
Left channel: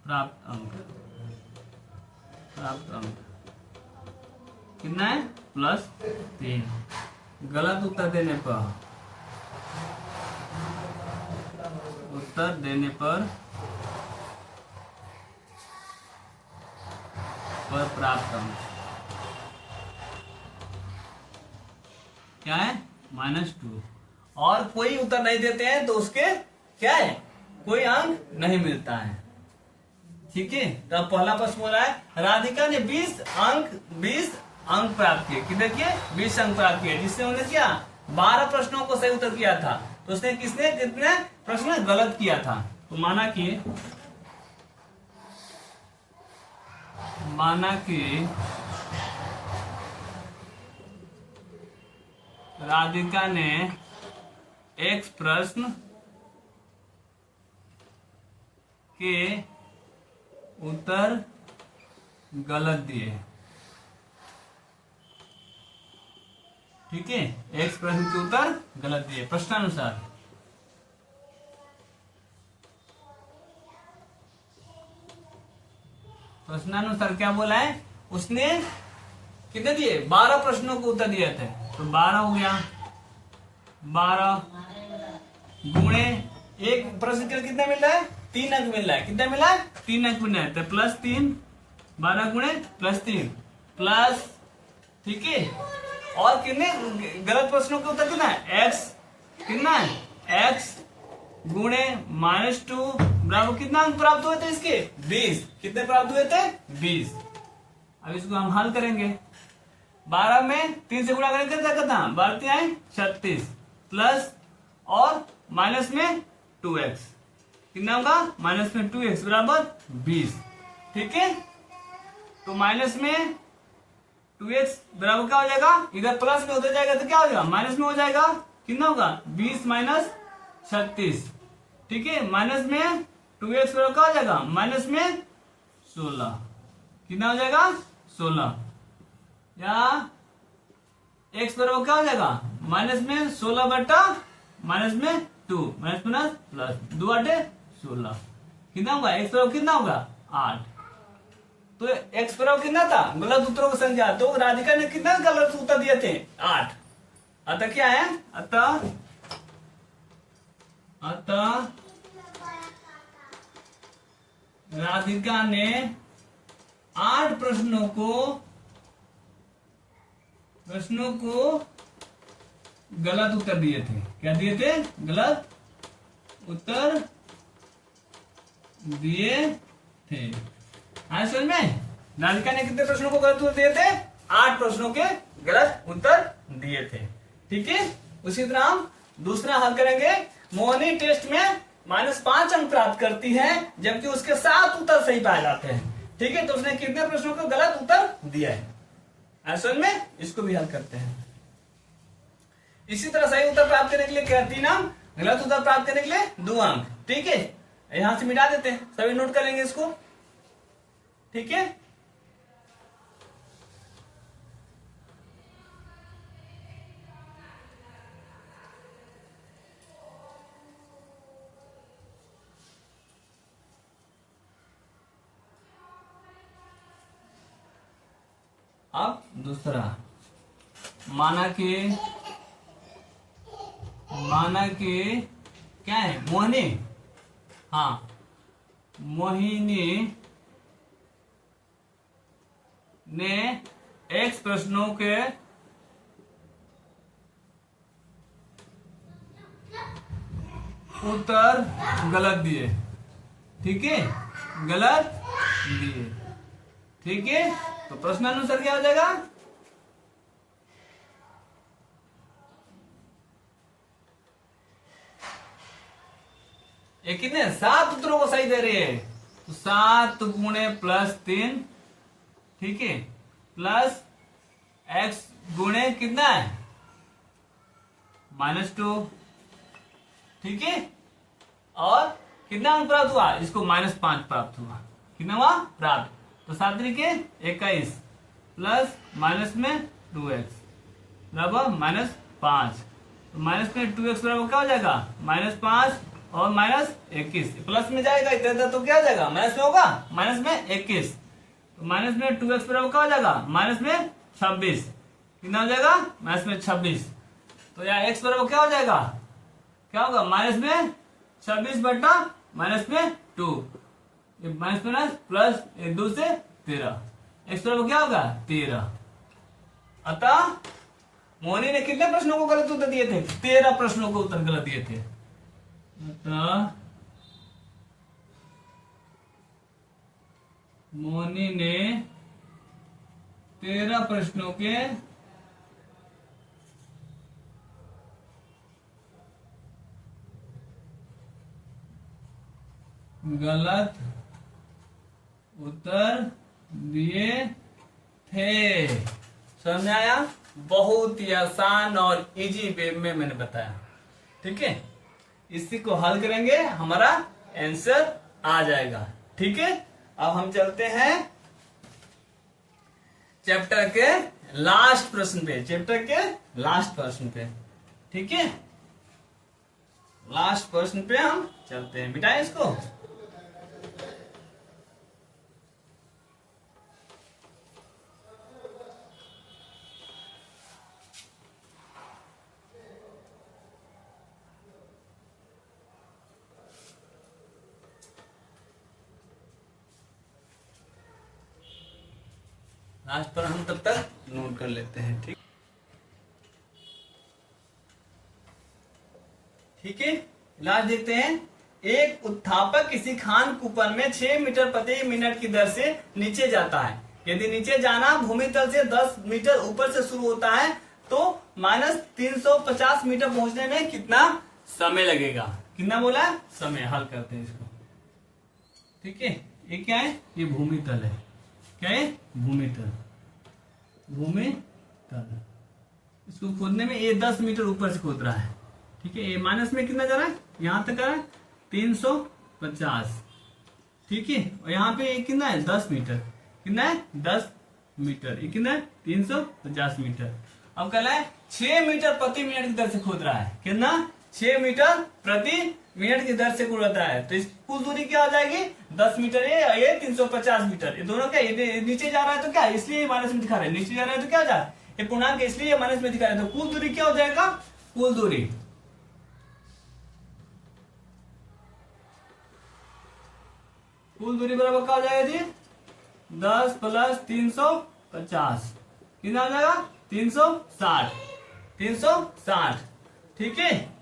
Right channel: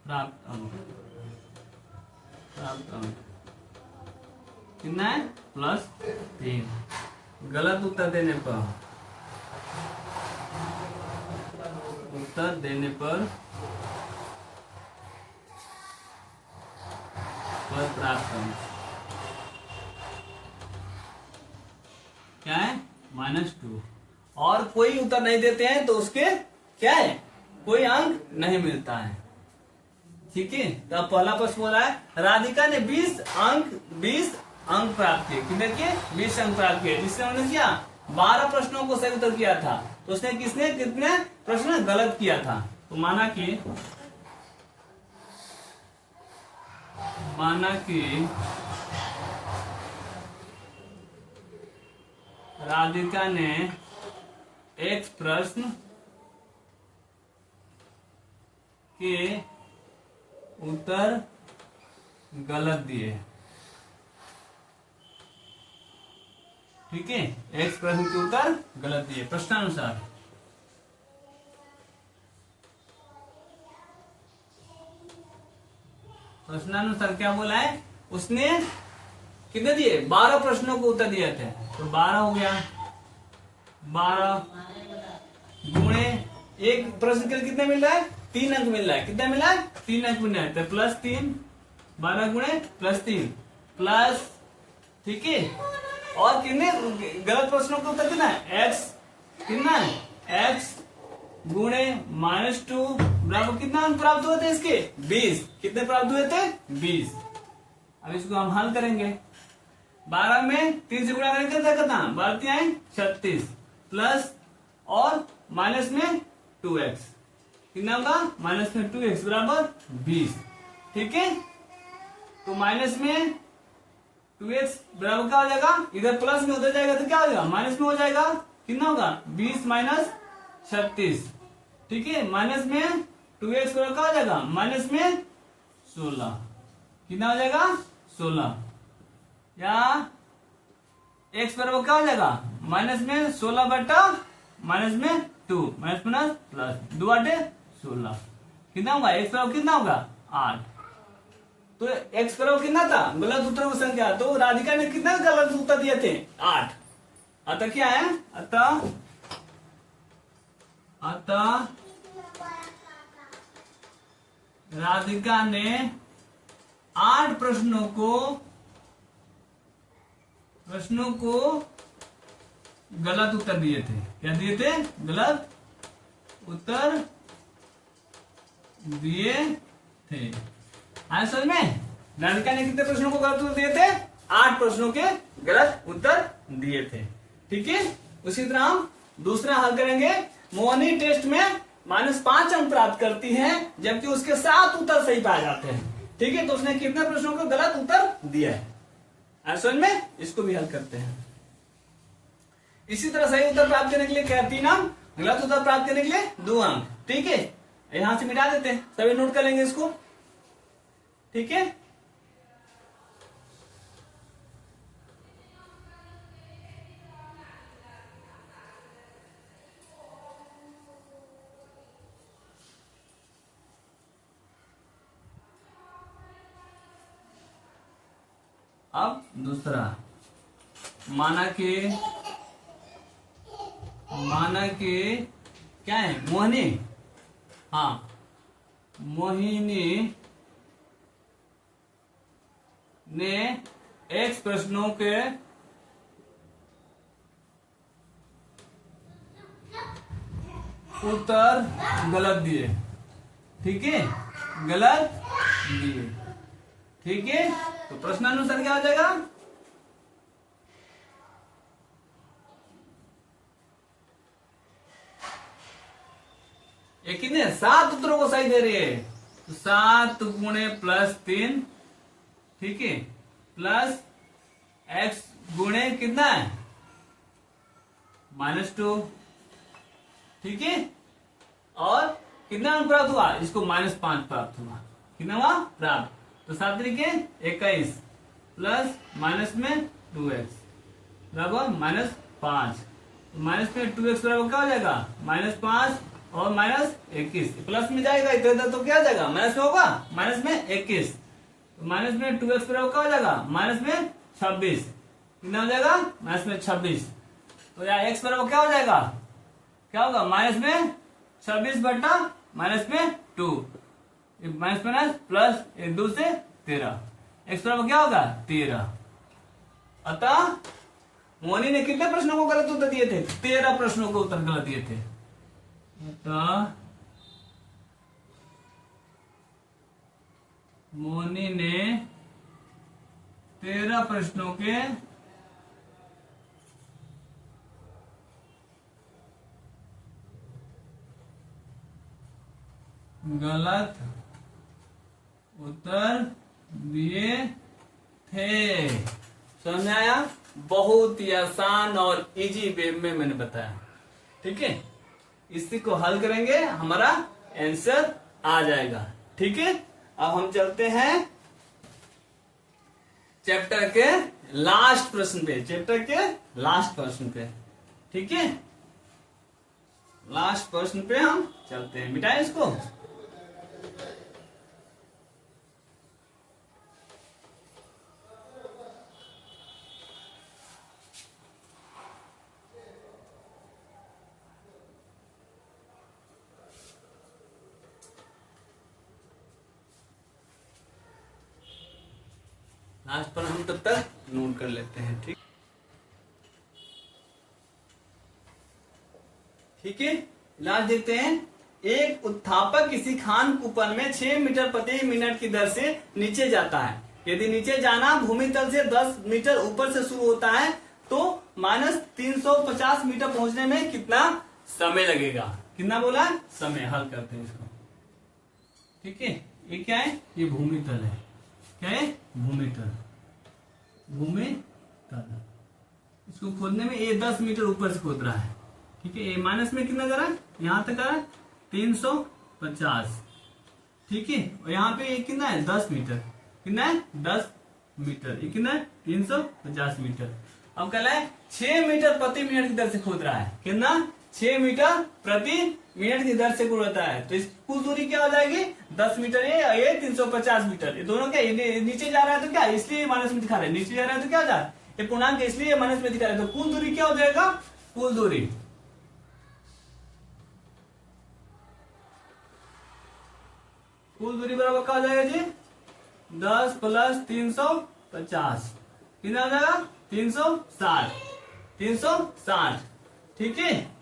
प्राप्त अंक कितना है +3। गलत उत्तर देने पर प्राप्त अंक क्या है -2, और कोई उत्तर नहीं देते हैं तो उसके क्या है कोई अंक नहीं मिलता है, ठीक है, तो अब पहला प्रश्न बोला है राधिका ने 20 अंक प्राप्त किए। कितने किए? 20 अंक प्राप्त किए, जिससे उन्होंने क्या 12 प्रश्नों को सही उत्तर किया था। तो उसने कितने प्रश्न गलत किया था? तो माना कि राधिका ने X प्रश्न के उत्तर गलत दिए। ठीक है, X प्रश्न के उत्तर गलत दिए प्रश्नानुसार। प्रश्नानुसार क्या बोला है उसने? कितने दिए? 12 प्रश्नों को उत्तर दिए थे। तो 12 हो गया, 12 गुणे एक प्रश्न के लिए कितना मिल रहा है? 3 अंक मिल रहा है। कितना मिला है? 3 अंक मिल रहा है। तो +3, 12 गुणे +3 प्लस, ठीक है। और कितने गलत प्रश्नों के उत्तर कितना है? x कितना है? x गुणे -2 बराबर कितना अंक प्राप्त हुए थे इसके? 20। कितने प्राप्त हुए थे? 20। अब इसको हम हल करेंगे। 12 में 3 से गुणा करेंगे कितना? 12 36 प्लस और माइनस में 2x। कितना होगा? माइनस में 2x बराबर 20। ठीक है, तो माइनस में 2x बराबर क्या हो जाएगा? इधर प्लस में उधर जाएगा तो क्या हो जाएगा? माइनस में हो जाएगा। कितना होगा? 20 माइनस 36। ठीक है, माइनस में 2x बराबर क्या हो जाएगा? माइनस में 16। कितना हो जाएगा? 16। या x बराबर क्या हो जाएगा? माइनस में 16 बटा माइनस में 2 माइनस माइनस प्लस 2 8 16। कितना होगा? x बराबर कितना होगा? 8। तो x बराबर कितना था? गलत उत्तरों की संख्या। तो राधिका ने कितने गलत उत्तर दिए थे? 8। अतः क्या है? अतः राधिका ने 8 प्रश्नों को गलत उत्तर दिए थे। क्या दिए थे? गलत उत्तर दिए थे। आया समझ में? राधिका ने कितने प्रश्नों को गलत उत्तर दिए थे? 8 प्रश्नों के गलत उत्तर दिए थे। ठीक है, उसी तरह हम दूसरा हल करेंगे। मोहनी टेस्ट में -5 अंक प्राप्त करती है, जबकि उसके 7 उत्तर सही पाए जाते हैं। ठीक है, तो उसने कितने प्रश्नों को गलत उत्तर दिया है? असल में इसको भी हल करते हैं। इसी तरह सही उत्तर प्राप्त करने के लिए क्या 3 अंक, गलत उत्तर प्राप्त करने के लिए 2 अंक। ठीक है, यहां से मिटा देते हैं, सभी नोट कर लेंगे इसको। ठीक है, अब दूसरा, माना कि क्या है? मोहिनी, हाँ, मोहिनी ने X प्रश्नों के उत्तर गलत दिए। ठीक है, गलत दिए। ठीक है, तो प्रश्नानुसार क्या हो जाएगा? ये कितने? 7 उत्तरों को सही दे रही है। तो 7 गुणे +3, ठीक है, प्लस x गुणे कितना है? -2। ठीक है, और कितना अंक प्राप्त हुआ? इसको -5 प्राप्त हुआ। कितना हुआ? प्राप्त। तो 7 तरीके 21 प्लस माइनस में 2x बराबर -5। तो माइनस में 2x बराबर क्या हो जाएगा? -5 और -21। प्लस में जाएगा इधर तो क्या हो जाएगा? माइनस में होगा, माइनस में 21। तो माइनस में 2x बराबर क्या हो जाएगा? माइनस में 26। कितना हो जाएगा? माइनस में 26। तो यहाँ x बराबर क्या हो जाएगा? क्या होगा? माइनस में 26 बटा माइनस में 2, माइनस माइनस प्लस 1 2 से 13। x बराबर क्या होगा? 13। अतः मोहनी ने कितने प्रश्नों को गलत उत्तर दिए थे? 13 प्रश्नों को उत्तर गलत दिए थे। अतः मोनी ने 13 प्रश्नों के गलत उत्तर दिए थे। समझ आया? बहुत ही आसान और इजी वे में मैंने बताया। ठीक है, इसी को हल करेंगे, हमारा आंसर आ जाएगा। ठीक है, अब हम चलते हैं चैप्टर के लास्ट प्रश्न पे। चैप्टर के लास्ट प्रश्न पे, ठीक है, लास्ट प्रश्न पे हम चलते हैं। मिटाएं इसको। लास्ट पर हम तब तक नोट कर लेते हैं। ठीक है, लास्ट देखते हैं। एक उत्थापक किसी खान कूपन में 6 मीटर प्रति मिनट की दर से नीचे जाता है। यदि नीचे जाना भूमि तल से 10 मीटर ऊपर से शुरू होता है तो -350 मीटर पहुंचने में कितना समय लगेगा? कितना बोला है? समय। हल करते हैं इसको। ठीक है, ये क्या है? ये भूमि तल है। क्या है? भूमि तल। भूमि तल, इसको खोदने में ये 10 मीटर ऊपर से खोद रहा है। ठीक है, ये माइनस में कितना जा रहा है? यहां तक आ रहा है 350। ठीक है, और यहाँ पे ये कितना है? 10 मीटर। कितना है? 10 मीटर। ये कितना है? 350 मीटर। अब कह रहा है 6 मीटर प्रति मिनट की दर से खोद रहा है। कितना? 6 मीटर प्रति मिनट की दर से खोद रहा है। तो इस कुल दूरी क्या हो जाएगी? 10 मीटर ये और ये 350 मीटर। ये दोनों क्या? ये नीचे जा रहा है तो क्या? इसलिए माइनस में दिखा रहे हैं। नीचे जा रहा है तो क्या हो जाए? ये पूर्णांक है इसलिए माइनस में दिखा रहे हैं। तो कुल दूरी क्या हो जाएगा? कुल दूरी बराबर क्या हो जाएगा जी? 10 + 350 कितना हो जाएगा? 360। 360। ठीक है,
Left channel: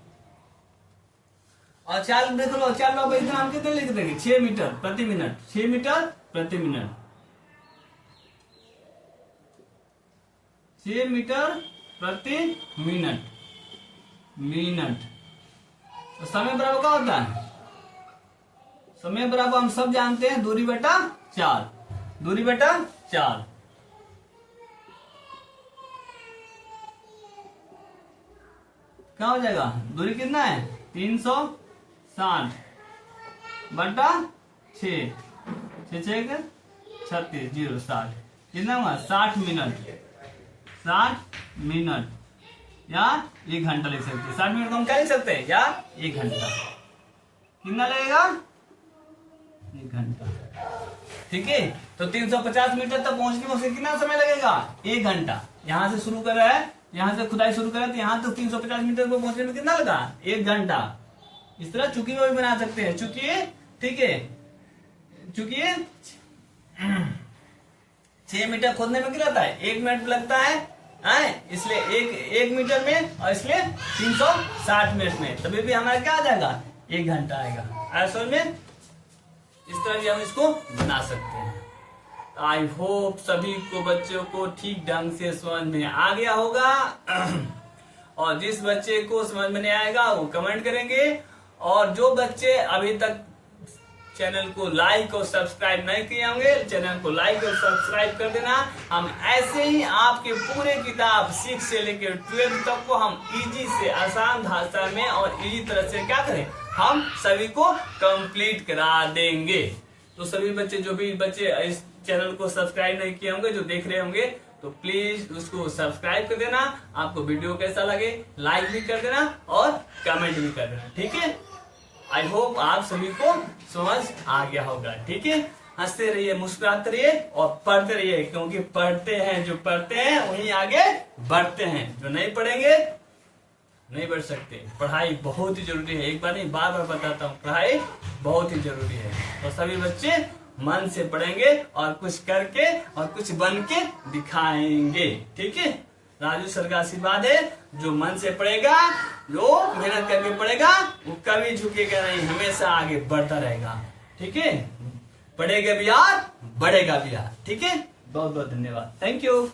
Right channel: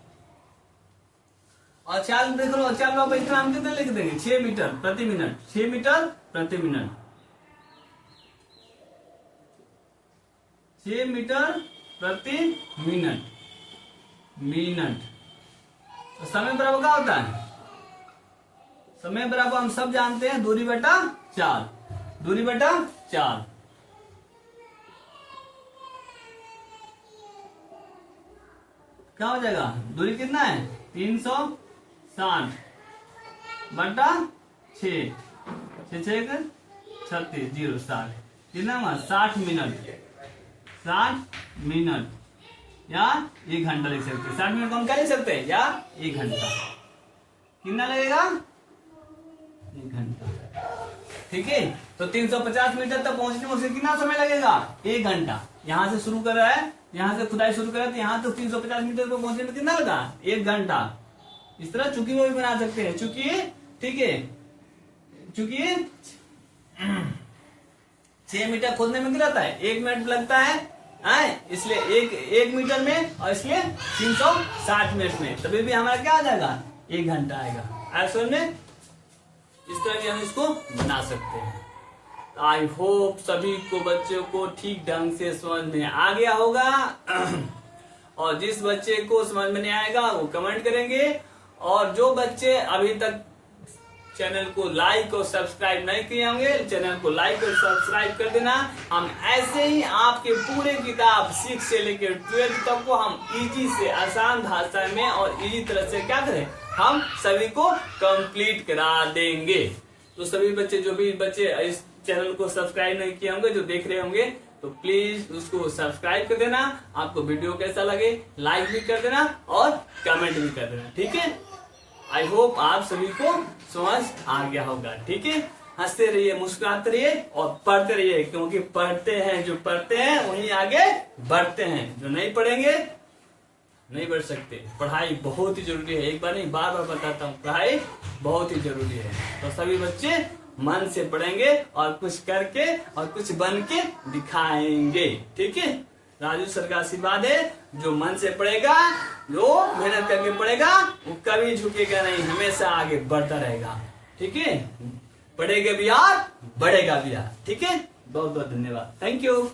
और चाल देख लो, चाल लो, इतना हम कितने लिख देंगे? 6 मीटर प्रति मिनट। 6 मीटर प्रति मिनट। 6 मीटर प्रति मिनट। तो समय बराबर क्या होता है? समय बराबर हम सब जानते हैं, दूरी बटा 4। दूरी बटा 4। क्या हो जाएगा? दूरी कितना है? 360 बटा 6। 6 36 0 60 कितना हुआ? 60 मिनट। 60 मिनट या 1 घंटा लिख सकते हैं। 60 मिनट को हम क्या लिख सकते हैं? या 1 घंटा। कितना लगेगा? 1 घंटा। ठीक है, तो 350 मीटर तक पहुंचने में उसे कितना समय लगेगा? 1 घंटा। यहां से शुरू कर रहा है, यहां से खुदाई शुरू करें तो यहां तो 350 मीटर पर पहुंचने में कितना लगा? 1 घंटा। इस तरह चुकी में भी बना सकते हैं। चुकी, ठीक है, चुकी 6 मीटर खोदने में कितना लगता है? 1 मिनट लगता है, इसलिए एक मीटर में, और इसलिए 360 मिनट में। तभी भी हमारा क्या आ जाएगा? 1 घंटा आएगा। समझ में? इस तरह भी हम इसको बना सकते हैं। आई होप सभी को, बच्चों को ठीक ढंग से समझ में आ गया होगा। और जिस बच्चे को समझ में नहीं आएगा वो कमेंट करेंगे। और जो बच्चे अभी तक चैनल को लाइक और सब्सक्राइब नहीं किए होंगे, चैनल को लाइक और सब्सक्राइब कर देना। हम ऐसे ही आपके पूरे किताब 6 से लेकर 12 तक को हम इजी से आसान भाषा में और इजी तरह से क्या करें, हम सभी को कंप्लीट करा देंगे। तो सभी बच्चे, जो भी बच्चे इस चैनल को सब्सक्राइब नहीं किए होंगे, जो देख रहे होंगे, तो प्लीज उसको सब्सक्राइब कर देना। आपको वीडियो कैसा लगे लाइक भी कर देना और कमेंट भी कर देना। ठीक है, आई होप आप सभी को समझ आ गया होगा। ठीक है, हंसते रहिए, मुस्कुराते रहिए और पढ़ते रहिए, क्योंकि पढ़ते हैं, जो पढ़ते हैं वही आगे बढ़ते हैं। जो नहीं पढ़ेंगे नहीं बढ़ सकते। पढ़ाई बहुत ही जरूरी है। एक बार नहीं, बार बार बताता हूँ, पढ़ाई बहुत ही जरूरी है। तो सभी बच्चे मन से पढ़ेंगे और कुछ करके और कुछ बन के दिखाएंगे। ठीक है, राजू सर का आशीर्वाद है। जो मन से पढ़ेगा, जो मेहनत करके पढ़ेगा, वो कभी झुकेगा नहीं, हमेशा आगे बढ़ता रहेगा। ठीक है, पढ़ेगा भी यार, बढ़ेगा भी यार। ठीक है, बहुत बहुत धन्यवाद, थैंक यू।